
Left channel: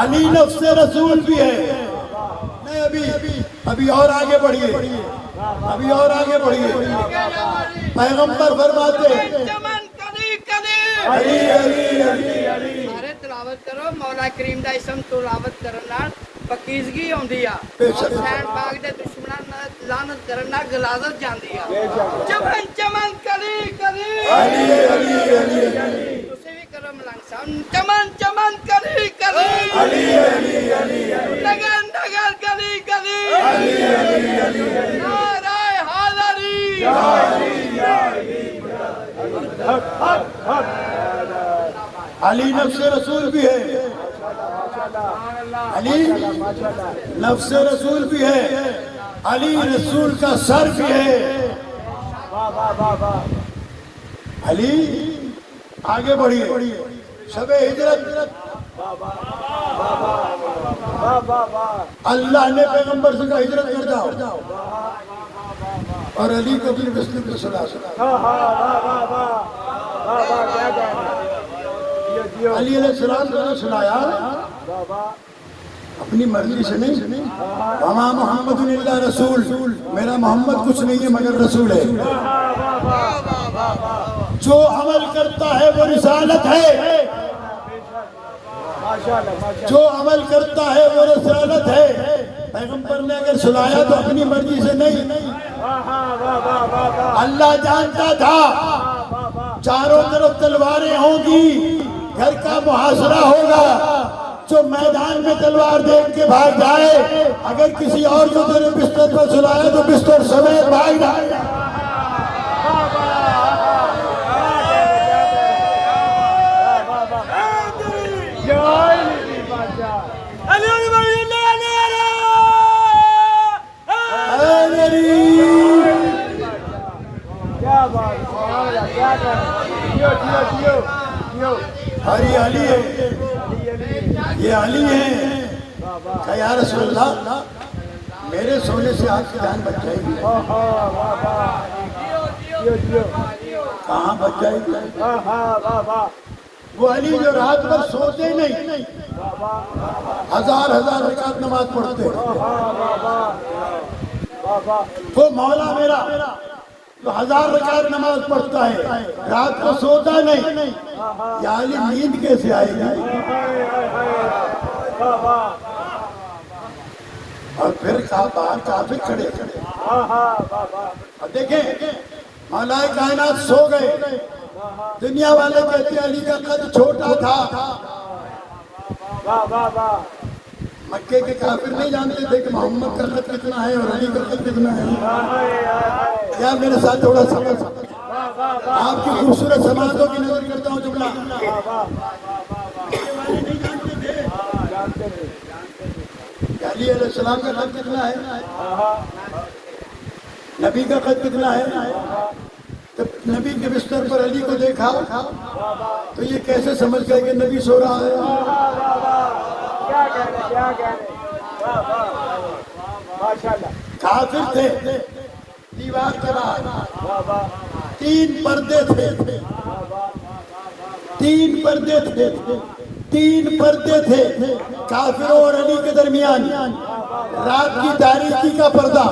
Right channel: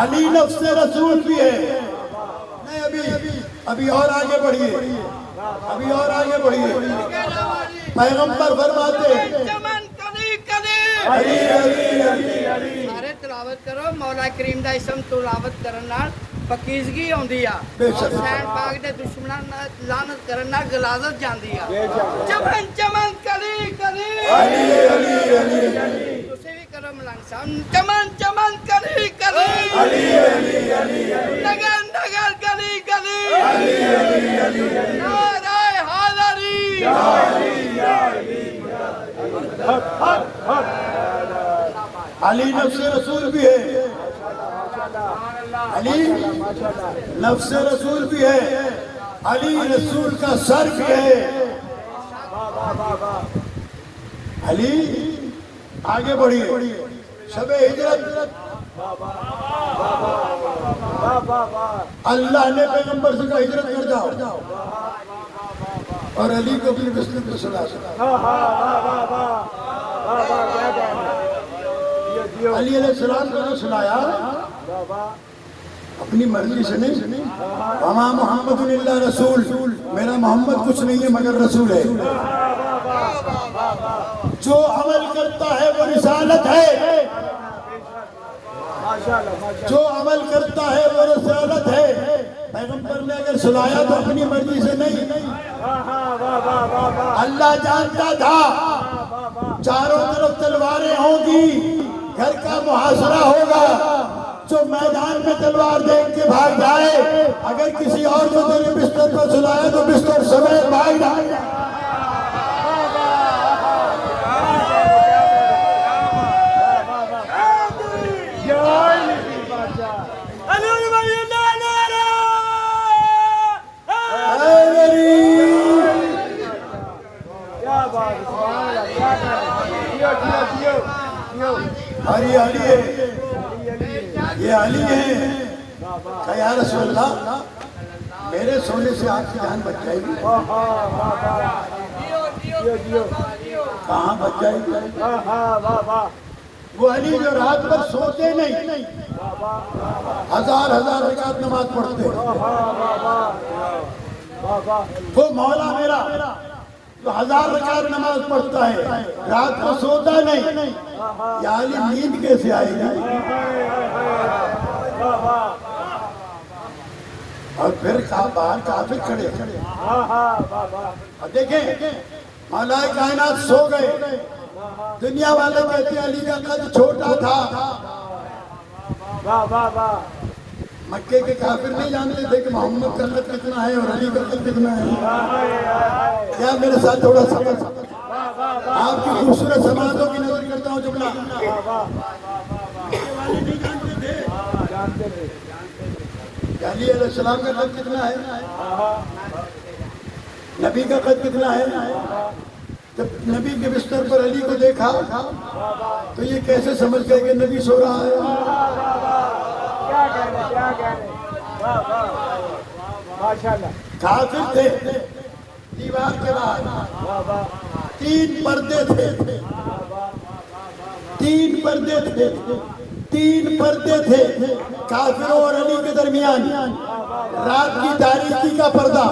علی نفس رسول بھی ہے. نہیں ابھی اور آگے بڑھیے، ابھی اور آگے بڑھیے. پیغمبر فرماتے چمن کلی کلی علی علی علی علی. سارے تلاوت کرو. مولا کریم دا اسم تلاوت کرن نال پکیزگی آندی آ. حسین پاک دے دشمناں نال لعنت کرن نال غلاظت جاندی آ. چمن چمن کلی کلی علی علی علی علی. تسی بھی کرو ملنگ صاحب. چمن چمن کلی کلی علی علی علی علی. نگر نگر کلی کلی علی علی علی علی. نعرہ حیدری. علی نفس رسول بھی ہے، علی نفس رسول بھی ہے، علی رسول کا سر بھی ہے. علی آگے بڑھیے. شب ہجرت اللہ نے پیغمبر سے کہا ہجرت کر جاؤ، اور علی کو بھی بسم پر سنا. علی علیہ السلام کو نے سنایا اپنی مرضی سے نہیں. وما محمد الا رسول، میرا محمد کچھ نہیں ہے مگر رسول ہے. جو عمل کرتا ہے وہ رسالت ہے، جو عمل کرتا ہے وہ رسالت ہے. پیغمبر نے اگر سنایا تو اپنی مرضی سے نہیں. اللہ جانتا تھا چاروں طرف تلواریں ہوں گی، گھر کا محاصرہ ہوگا. جو میدان میں تلوار دیکھ کے بھاگ جائے، اگر کسی اور کو تیرے بستر پر سلایا تو بستر سمیت بھاگ جائے. اور یہ علی ہے، یہ علی ہے. کہ یا رسول اللہ میرے سونے سے آپ کی جان بچ جائے گی. کہاں بچ جائے گی؟ وہ علی جو رات پر سوتے نہیں، 1000 رکعت نماز پڑھتے. وہ مولا میرا تو 1000 رکعت نماز پڑھتا ہے، رات کو سوتا نہیں. یا علی نیند کیسے آئے گی؟ اور پھر باہر کافر کھڑے. اب دیکھیں مولائے کائنات سو گئے. دنیا والے کہتے ہیں علی کا قد چھوٹا تھا. مکے کے کافر نہیں جانتے تھے کہ محمد کا قد کتنا ہے اور علی کا قد کتنا ہے. کیا میرے ساتھ تھوڑا سا آپ کی خوبصورت سماعتوں کی نظر کرتا ہوں جملہ. مکے والے نہیں جانتے تھے کہ علی علیہ السلام کا قد کتنا ہے، نبی کا قد کتنا ہے. جب نبی کے بستر پر علی کو دیکھا تو یہ کیسے سمجھ گئے کہ نبی سو رہا ہے. کافر تھے. دیوار کے بعد 3 پردے تھے، 3 پردے تھے، 3 پردے تھے کافروں اور علی کے درمیان. رات کی تاریکی کا پردہ،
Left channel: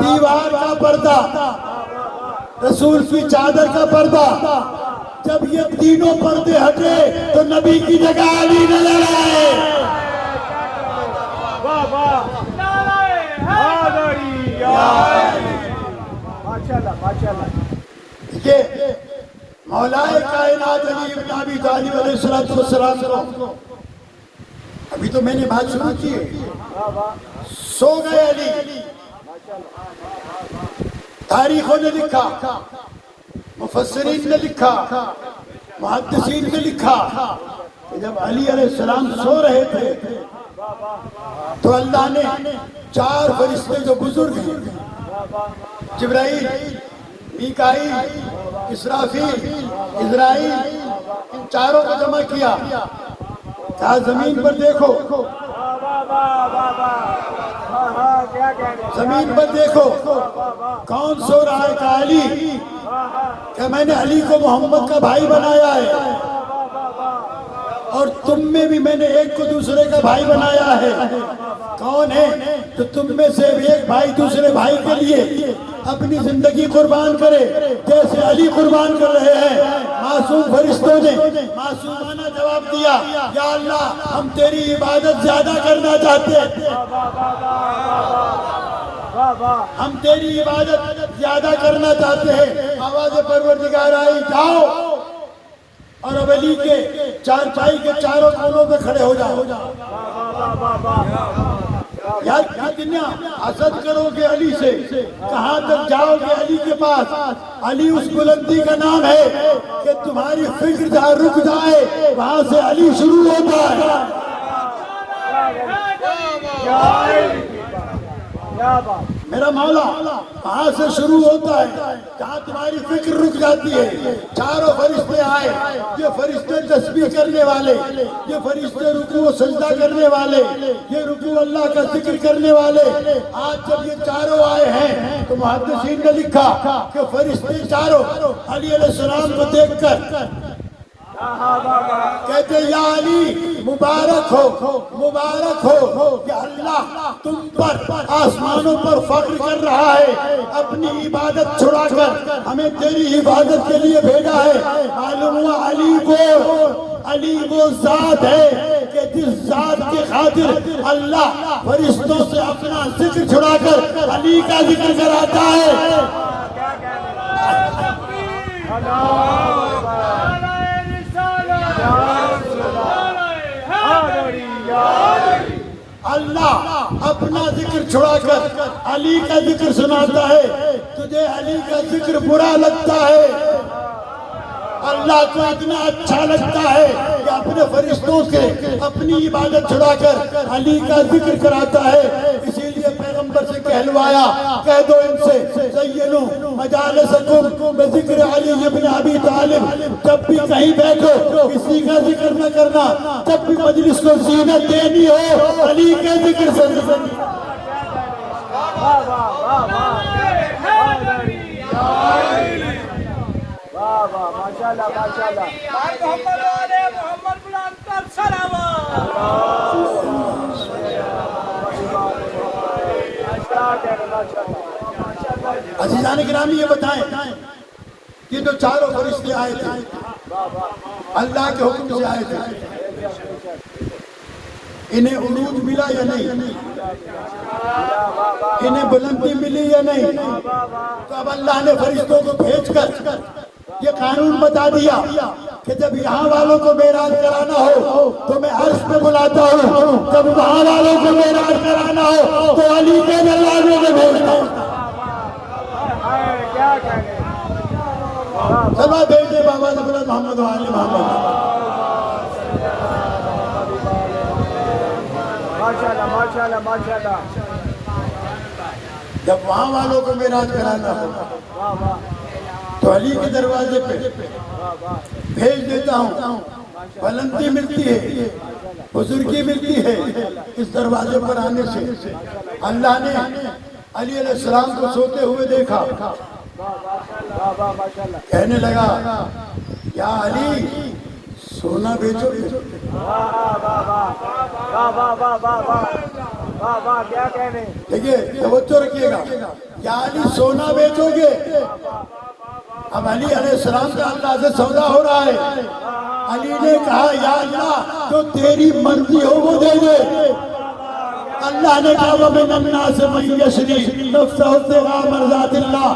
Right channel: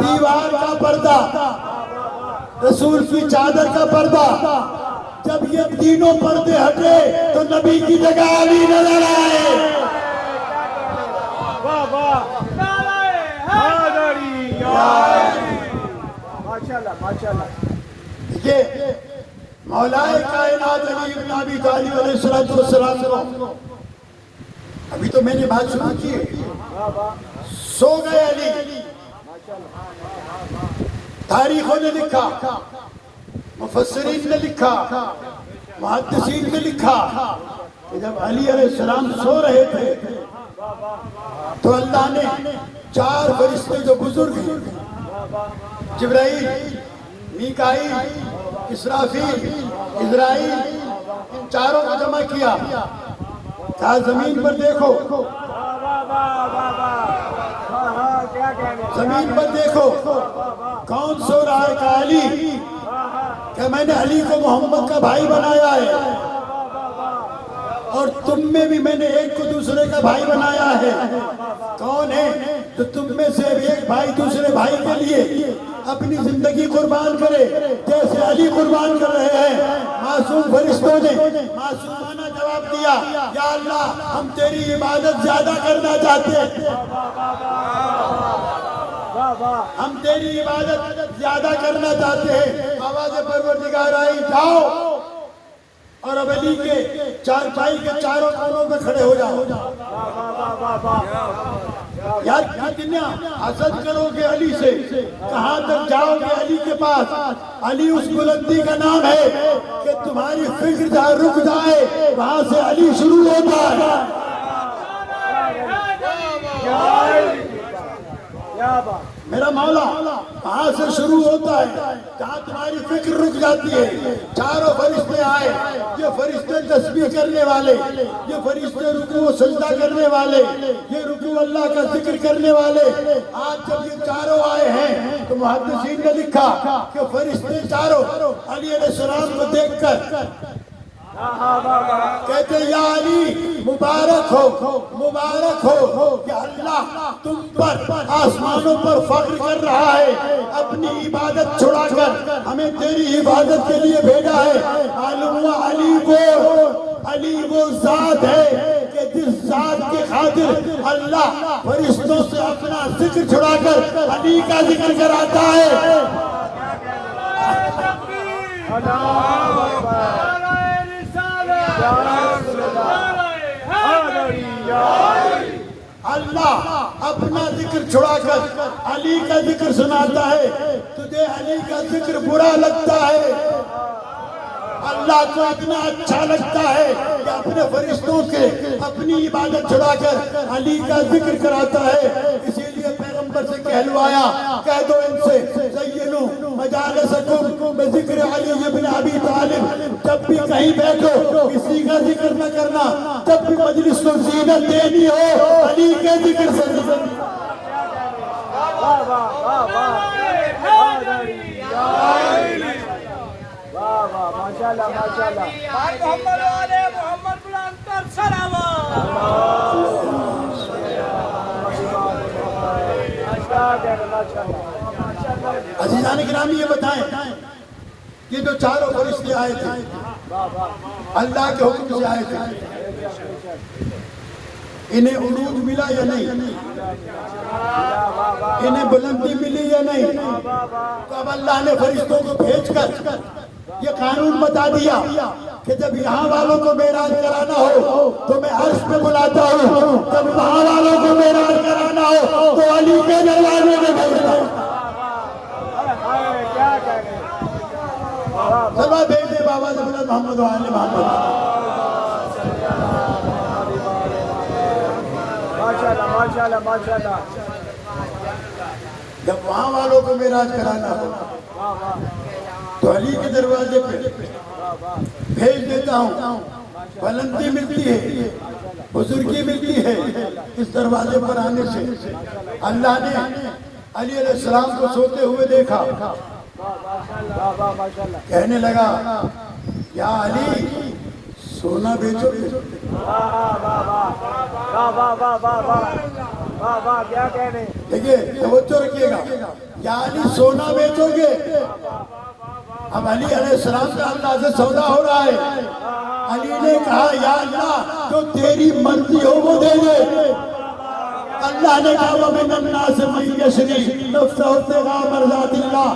دیوار کا پردہ، رسول کی چادر کا پردہ. جب یہ تینوں پردے ہٹے تو نبی کی جگہ علی نظر آئے. یہ مولائے کائنات علی بن ابی طالب علیہ السلام. ابھی تو میں نے بات شروع کی ہے. سو گئے علی. تاریخوں نے لکھا، مفسرین نے لکھا محدثین نے لکھا کہ جب علی علیہ السلام سو رہے تھے تو اللہ نے 4 فرشتے جو بزرگ ہیں، جبرائیل، میکائیل، اسرافیل، عزرائیل، ان 4 کو جمع کیا، کہا زمین پر دیکھو، زمین پر دیکھو کون سو رہا ہے؟ کہا علی، کہ میں نے علی کو محمد کا بھائی بنایا ہے، اور تم میں بھی میں نے ایک کو دوسرے کا بھائی بنایا ہے۔ کون ہے؟ تو تم میں سے ایک بھائی دوسرے بھائی کے لیے اپنی زندگی قربان کرے جیسے علی قربان کر رہے ہیں۔ معصوم فرشتوں نے معصومانہ جواب دیا، یا اللہ ہم تیری عبادت زیادہ کرنا چاہتے ہیں، ہم تیری عبادت زیادہ کرنا چاہتے ہیں۔ آواز پروردگار آئی، جاؤ اور اب علی کے چارپائی کے چاروں کونوں پہ کھڑے ہو جاؤ۔ یار کتنا حسد کرو گے علی سے، کہاں تک جاؤ گے علی کے پاس؟ علی اس بلندی کا نام ہے کہ تمہاری فکر جہاں رک جائے وہاں سے علی شروع ہوتا ہے۔ میرا مولا کہاں سے شروع ہوتا ہے؟ جہاں تمہاری فکر رک جاتی ہے۔ 4 فرشتے آئے، یہ فرشتے تسبیح کرنے والے، یہ فرشتے رکوع و سجدہ کرنے والے، یہ رکوع اللہ کا ذکر کرنے والے۔ آج جب یہ 4 آئے ہیں تو محدثین نے لکھا کہ فرشتے 4 علی علیہ السلام کو دیکھ کر کہتے یا علی مبارک ہو کہ اللہ تم پر آسمانوں پر فخر کر رہا ہے، اپنی عبادت چھڑا کر ہمیں تیری عبادت کے لیے بھیجا ہے۔ معلوم ہوا علی وہ ذات ہے کہ جس ذات کے خاطر اللہ فرشتوں سے اپنا ذکر چھڑا کر علی کا ذکر کراتا ہے۔ اللہ اپنا ذکر چھڑا کر علی کا ذکر سناتا ہے۔ تجھے علی کا ذکر برا لگتا ہے، اللہ کو اتنا اچھا لگتا ہے کہ اپنے فرشتوں کے اپنی عبادت چھڑا کر علی کا ذکر کراتا ہے۔ اسی لیے پیغمبر سے کہلوایا، کہہ دو ان سے زینو مجالسکم بذکر علی ابن ابی طالب، جب بھی کہیں بیٹھو کسی کا ذکر نہ کرنا، جب بھی مجلس کو زینت دینی ہو علی کے ذکر سے۔ ماشاءاللہ ماشاءاللہ عزیزان گرامی یہ بتائیں، یہ جو 4 فرشتے آئے تھے اللہ کے حکم سے آئے تھے، انہیں عروج ملا یا نہیں؟ انہیں بلندی ملی یا نہیں؟ اب اللہ نے فرشتوں کو بھیج کر یہ قانون بتا دیا کہ جب یہاں والوں کو معراج کرانا ہو تو میں عرش پہ بلاتا ہوں، جب وہاں والوں کو معراج کرانا ہو تو علی کے دروازے میں بھیجتا ہوں۔ کیا کہنے چلو بھیجے بابا حضرت محمد وآل محمد۔ ماشاءاللہ ماشاءاللہ ماشاءاللہ۔ جب وہاں والوں کو معراج کرانا ہو تو علی کے دروازے پہ بھیج دیتا ہوں، بلندی ملتی ہے، بزرگی ملتی ہے اس دروازے پر آنے سے۔ اللہ نے علی علیہ السلام کو سوتے ہوئے دیکھا، کہنے لگا یا علی سونا بیچو گے؟ کیا کہنے؟ دیکھیے توجہ رکھیے گا، یا علی سونا بیچو گے؟ اب علی علیہ السلام کا اللہ سے سودا ہو رہا ہے۔ علی نے کہا یا اللہ جو تیری مرضی ہو وہ دے دے۔ اللہ نے کہا وَمِنَ النَّاسِ مَن يَشْرِي نَفْسَهُ ابْتِغَاءَ مَرْضَاتِ اللَّهِ،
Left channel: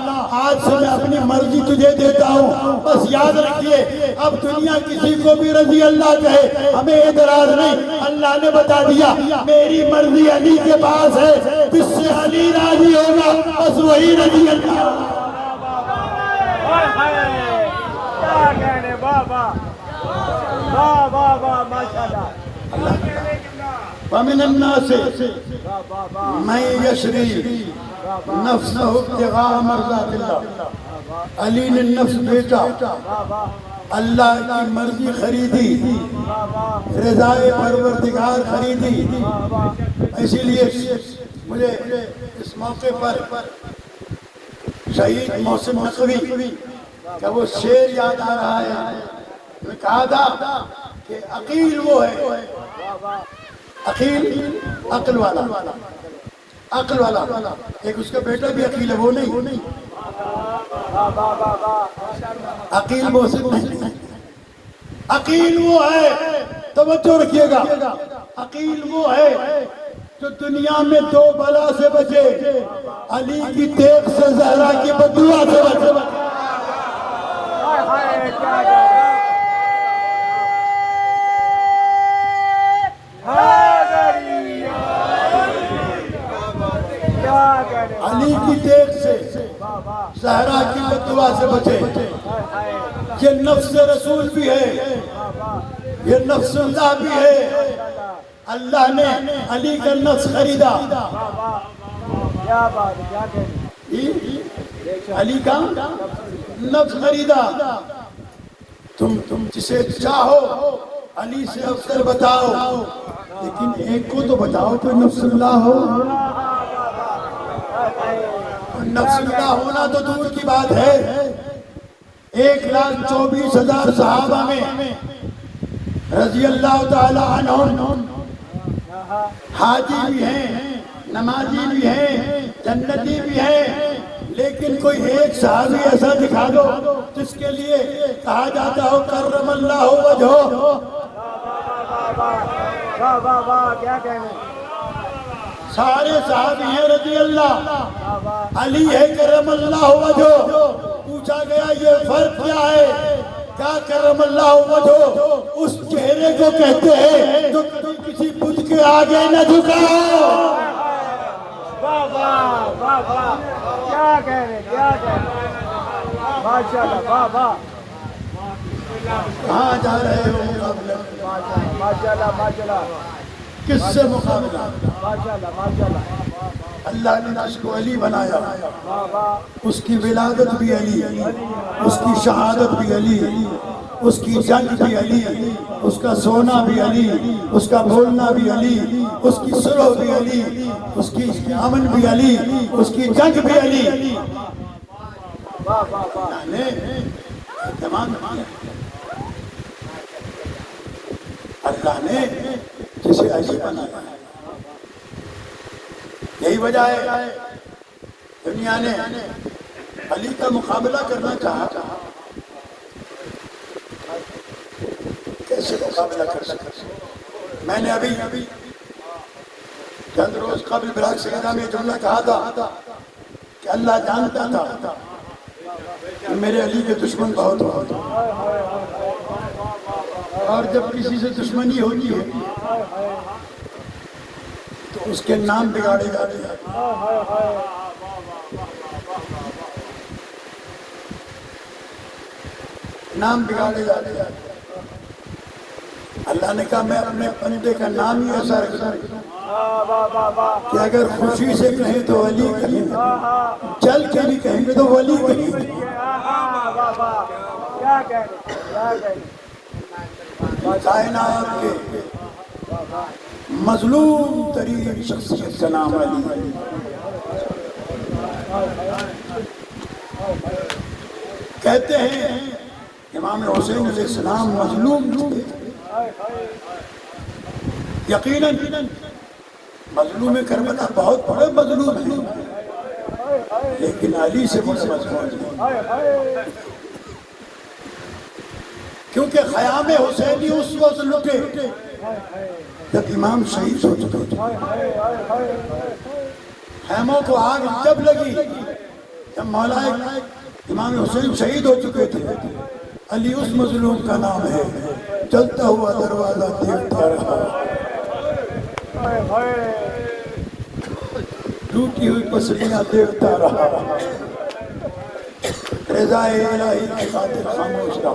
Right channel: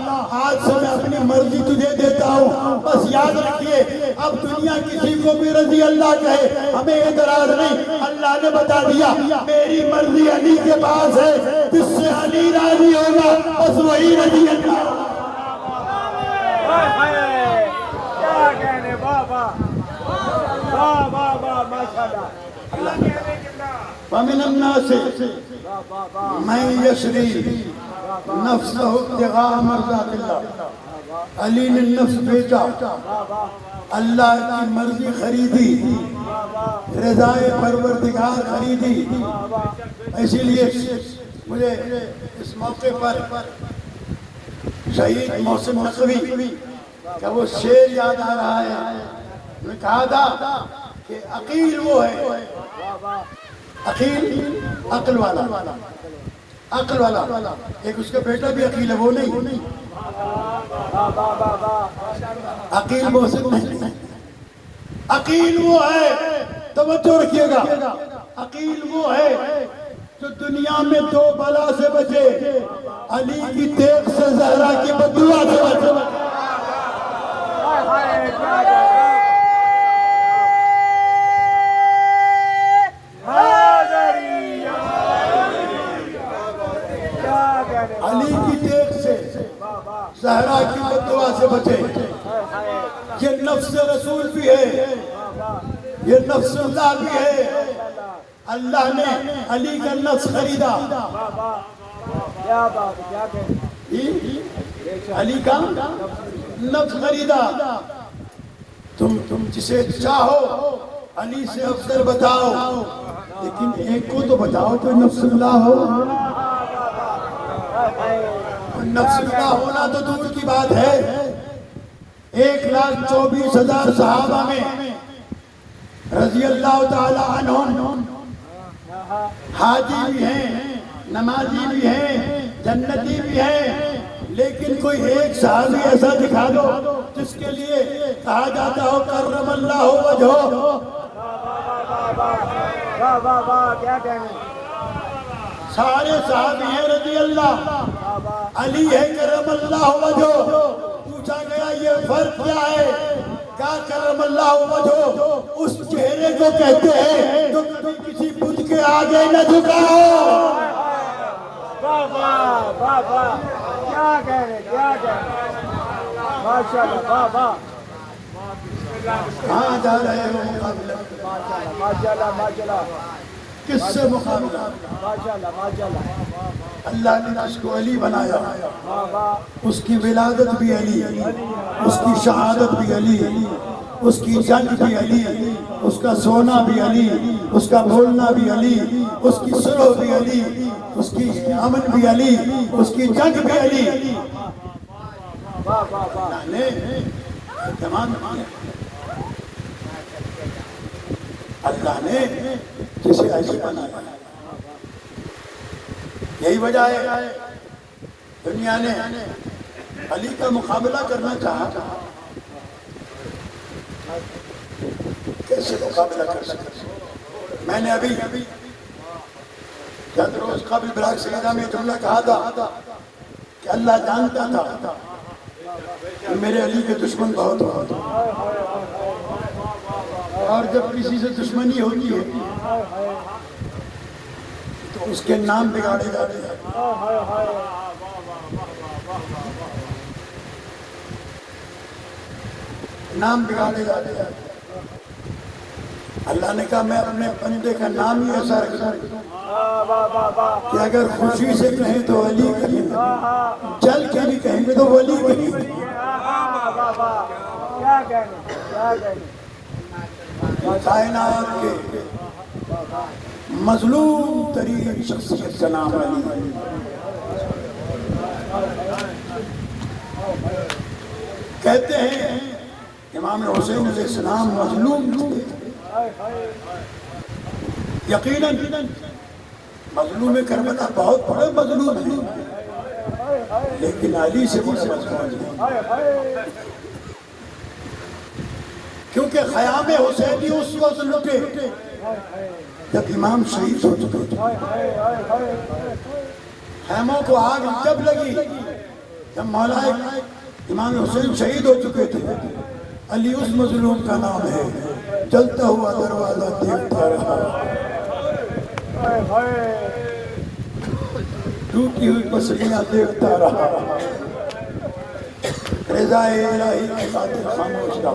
آج سے میں اپنی مرضی تجھے دیتا ہوں۔ بس یاد رکھیے اب دنیا کسی کو بھی رضی اللہ کہے ہمیں اعتراض نہیں، اللہ نے بتا دیا میری مرضی علی کے پاس ہے، جس سے علی راضی ہوگا بس وہی رضی اللہ۔ کیا کہنے بابا واہ واہ واہ ماشاءاللہ ومن الناس واہ واہ واہ من یشری نفسہ ابتغاء مرضات اللہ. علی نے نفس بیچا, واہ واہ اللہ کی مرضی خریدی, واہ واہ رضائے پروردگار خریدی. واہ واہ اسی لیے مجھے اس موقع پر شہید محسن نقوی کا وہ شعر یاد آ رہا ہے. میں کہا تھا کہ عقیل وہ ہے, واہ واہ عقیل عقل والا, عقل والا. ایک اس کا بیٹا بھی عقیل ہے, وہ نہیں. واہ واہ واہ واہ عقیل محسن نہیں, عقیل وہ ہے, توجہ رکھیے گا, عقیل وہ ہے جو دنیا میں دو بلا سے بچے, علی کی دیکھ سے, زہرا کی بدعا سے بچے. ہائے ہائے کیا جائے کیا کہنے علی کی دیکھ سے, واہ واہ زہرا کی بدعا سے بچے. ہائے ہائے یہ نفس رسول بھی ہے, واہ واہ یہ نفس اللہ بھی ہے. ماشاءاللہ اللہ نے علی کا نفس خریدا. واہ واہ کیا بات ہے کیا کہنے علی کا نفس خریدا. تم جسے چاہو علی سے افضل بتاؤ, لیکن ایک کو تو بتاؤ تو نفس اللہ ہو. نفس اللہ ہونا تو دور کی بات ہے. 1,24,000 صحابہ میں رضی اللہ تعالی عنہم حاجی بھی ہیں, نمازی بھی ہیں, جنتی بھی ہیں, لیکن کوئی ایک صحابی ایسا دکھا دو جس کے لیے کہا جاتا ہو کرم اللہ وجہہ. واہ واہ واہ کیا کہنے سارے صحابی ہیں رضی اللہ, واہ واہ علی ہے کرم اللہ وجہہ. پوچھا گیا یہ فرق کیا ہے, کیا کرم اللہ وجہہ اس چہرے کو کہتے ہیں جو کسی بت کے آگے نہ جھکاؤ. واہ واہ واہ واہ کیا کہنے کیا کہنے ماشاءاللہ واہ واہ کہاں جا رہے ہو مقابلہ, ماشاءاللہ ماشاءاللہ ماشاءاللہ کس سے مقابلہ. ماشاءاللہ ماشاءاللہ اللہ نے اس کو علی بنایا, واہ واہ اس کی ولادت بھی علی, اس کی شہادت بھی علی, اس کی جنگ بھی علی, اس کا سونا بھی علی, اس کا بھولنا بھی علی, اس کی سلو بھی علی, اس کی امن بھی علی, اس کی جنگ بھی علی. واہ واہ واہ تمام اللہ نے جسے علی بنایا. یہی وجہ ہے دنیا نے علی کا مقابلہ کرنا چاہا. کیسے مقابلہ کر سکتے. میں نے ابھی چند روز قبل براک سیدہ میں جملہ کہا تھا کہ اللہ جانتا تھا کہ میرے علی کے دشمن بہت ہوتے ہیں, اور جب کسی سے دشمنی ہوتی ہے تو اس کے نام بگاڑے جاتے ہیں. نام بگاڑے جاتے ہیں. اللہ نے کہا میں اپنے بندے کا نام ہی ایسا رکھتا کہ اگر خوشی سے کہیں تو علی کہیں, چل کے بھی کہیں گے تو ولی کہیں. کیا کہنے کیا کہنے کائنات کے مظلوم ترین شخصیت کا نام علی. کہتے ہیں امام حسین علیہ السلام مظلوم تھے. یقیناً مظلوم کربلا بہت بڑے مظلوم ہیں, لیکن علی سے بھی مظلوم ہیں, کیونکہ خیام حسینی اس وقت لٹے جب امام شہید ہو چکے تھے. خیموں کو آگ جب لگی جب مولا امام حسین شہید ہو چکے تھے. علی اس مظلوم کا نام ہے, چلتا ہوا دروازہ دیکھتا رہا, ٹوٹی ہوئی پسلیاں دیکھتا رہا, رضائے الہی کی خاطر خاموش رہا.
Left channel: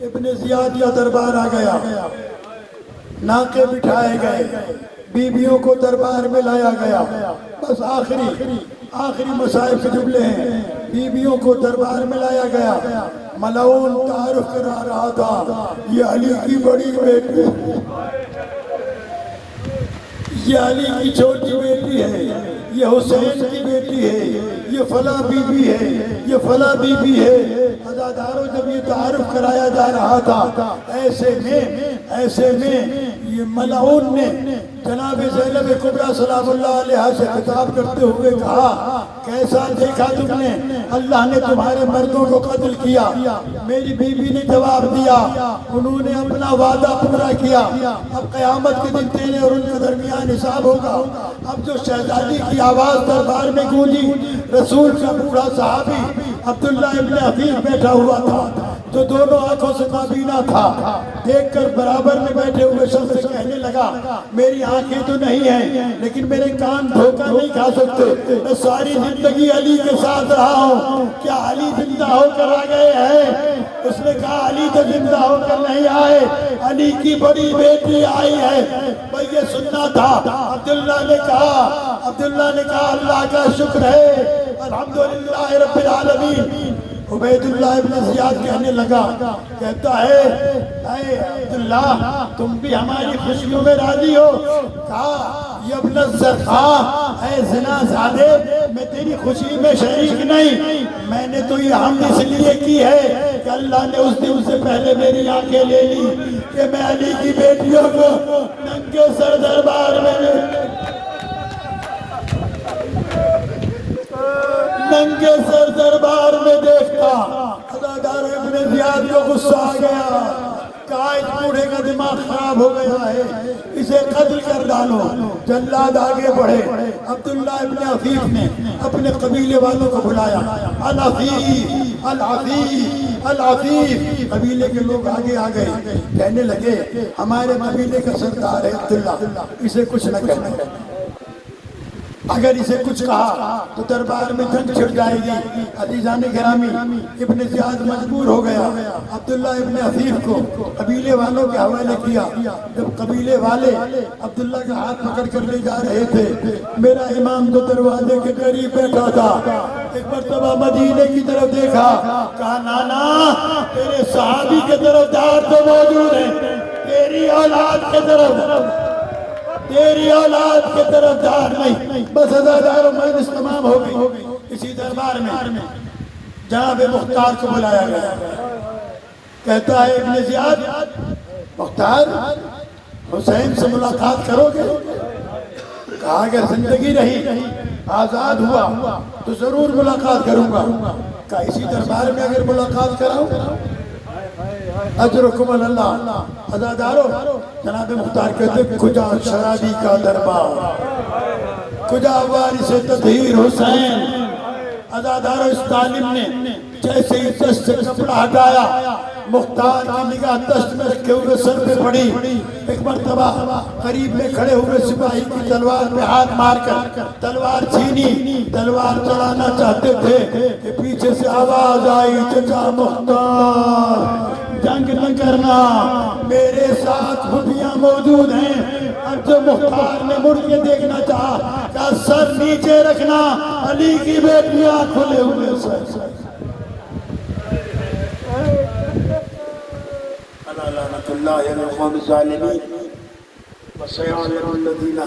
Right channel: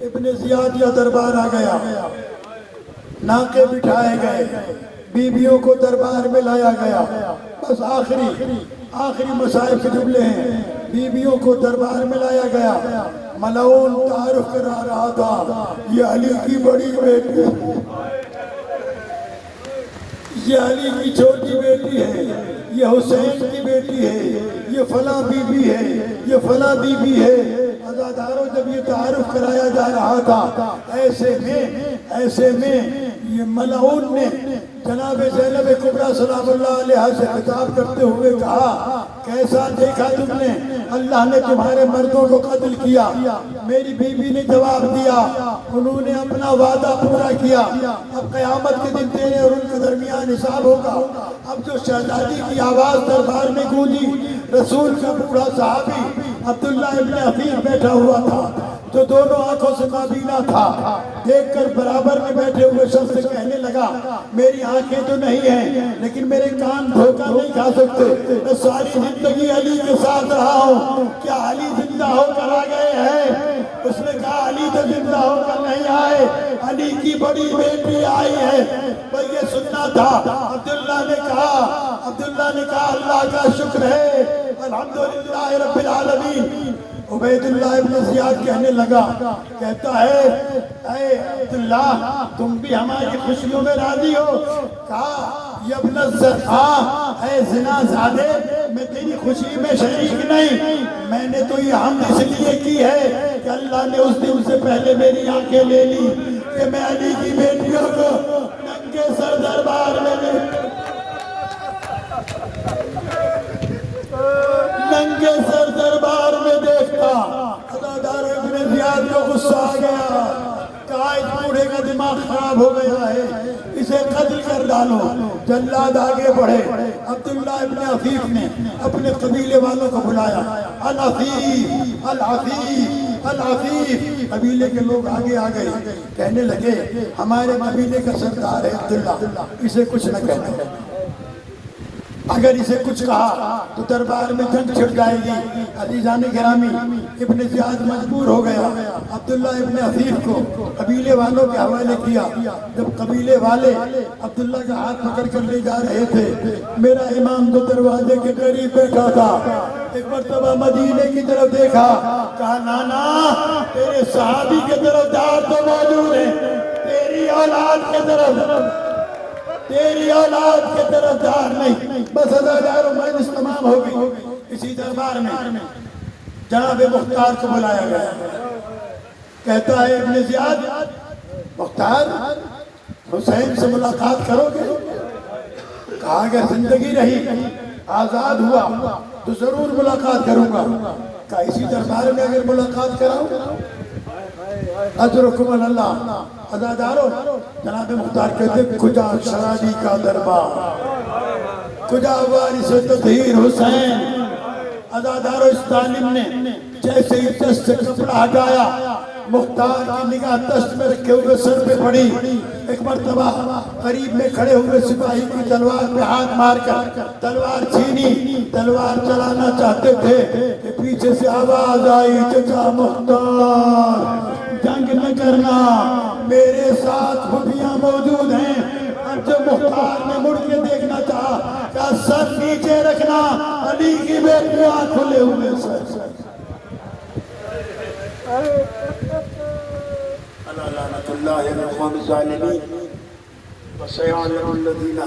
ابن زیاد کا دربار آ گیا، ناکے بٹھائے گئے، بیویوں کو دربار میں لایا گیا۔ بس آخری مسائل کے جملے ہیں، بیویوں کو دربار میں لایا گیا۔ ملعون تعارف کرا رہا تھا، یہ علی کی بڑی بیٹی ہے، یہ علی کی چھوٹی بیٹی ہے، یہ حسین کی بیٹی ہے، یہ فلاں بی بی ہے، یہ فلاں بی بی ہے۔ عزاداروں جب یہ تعارف کرایا جا رہا تھا، ایسے میں یہ ملعون نے جناب زینب کبریٰ سلام اللہ علیہ سے خطاب کرتے ہوئے کہا، کیسا دیکھا تم نے؟ اللہ نے تمہارے مردوں کو قتل کیا۔ میری بیوی نے جواب دیا، انہوں نے اپنا وعدہ پورا کیا، اب قیامت کے دن تیرے اور ان کے درمیان حساب ہوگا۔ اب جو شہزادی کی آواز دربار میں گونجی، رسول کا بوڑھا صحابی عبداللہ ابن حفیظ بیٹھا ہوا تھا، جو دونوں آنکھوں سے نابینا تھا، دیکھ کر برابر میں بیٹھے ہوئے شخص سے کہنے لگا، میری آنکھیں تو نہیں ہیں لیکن میرے کان دھوکہ نہیں کھا سکتے، میں ساری زندگی علی کے ساتھ رہا ہوں، کیا علی زندہ ہو کر آ گئے ہیں؟ اس نے کہا، علی تو زندہ ہو کر نہیں آئے، علی کی بڑی بیٹی آئی ہے، میں یہ سننا تھا۔ عبداللہ نے کہا اللہ کا شکر ہے، الحمدللہ رب العالمین۔ عبید اللہ ابن زیاد کہنے لگا، کہتا ہے، اے عبداللہ تم بھی ہماری خوشیوں میں راضی ہو؟ کہا، یہ ابن الزرخاء، اے زنا زادے، میں تیری خوشی میں شریک نہیں، میں نے تو یہ حمد اس لیے کی ہے کہ اللہ نے اس دن سے پہلے میری آنکھیں لے لی کہ میں علی کی بیٹیوں کو ننگے سر دربار میں دیکھتا۔ عزادار ابن زیاد کو غصہ آ گیا، کہا اس بوڑھے کا دماغ خراب ہو گیا ہے، اسے قتل کر ڈالو۔ جلاد آگے بڑھے، عبداللہ ابن حفیظ نے اپنے قبیلے والوں کو بلایا، الحفیظ الحفیظ الحفیظ، قبیلے کے لوگ آگے آ گئے، کہنے لگے ہمارے قبیلے کا سردار ہے عبداللہ، اسے کچھ نہ کہنا، اگر اسے کچھ کہا تو دربار میں جنگ چھڑ جائے گی۔ عزیزان گرامی، ابن زیاد مجبور ہو گیا، عبداللہ ابن حفیظ کو قبیلے والوں کے حوالے کیا۔ جب قبیلے والے عبداللہ کا ہاتھ پکڑ کر لے جا رہے تھے، میرا امام جو دروازے کے قریب بیٹھا تھا، ایک مرتبہ مدینے کی طرف دیکھا، کہا نانا تیرے صحابی کے طرف دار تو موجود ہے، تیری اولاد کے طرف دار نہیں۔ بس عزادار مجلس تمام ہو گئی۔ اسی دربار میں جناب مختار کو بلایا گیا، کہتا ہے ابن زیاد، مختار حسین سے ملاقات کرو گے؟ کہا اگر زندگی رہی آزاد ہوا تو ضرور ملاقات کروں گا۔ کہا اسی دربار میں اگر ملاقات کراؤں اجرکم اللہ۔ عزادارو جناب مختار کہتے کجا شرابی کا دربار، کجا وارث تطہیر حسین۔ عزادارو اس طالب نے جیسے ہی دست سے کپڑا ہٹایا، مختار کی نگاہ دست میں رکھے ہوئے سر پہ پڑی۔ ایک مرتبہ قریب میں کھڑے ہوئے سپاہی کی تلوار میں ہاتھ مار کر تلوار چھینی، تلوار چلانا چاہتے تھے کہ پیچھے سے آواز آئی، چچا مختار جنگ نہ کرنا، میرے ساتھ خفیہ موجود ہیں۔ اب جو مختار نے مڑ کے دیکھنا چاہا، کہا سر نیچے رکھنا، علی کی بیٹیاں کھلے ہوئے سر۔ لعنت اللہ علی القوم الظالمین وسيعلم الذين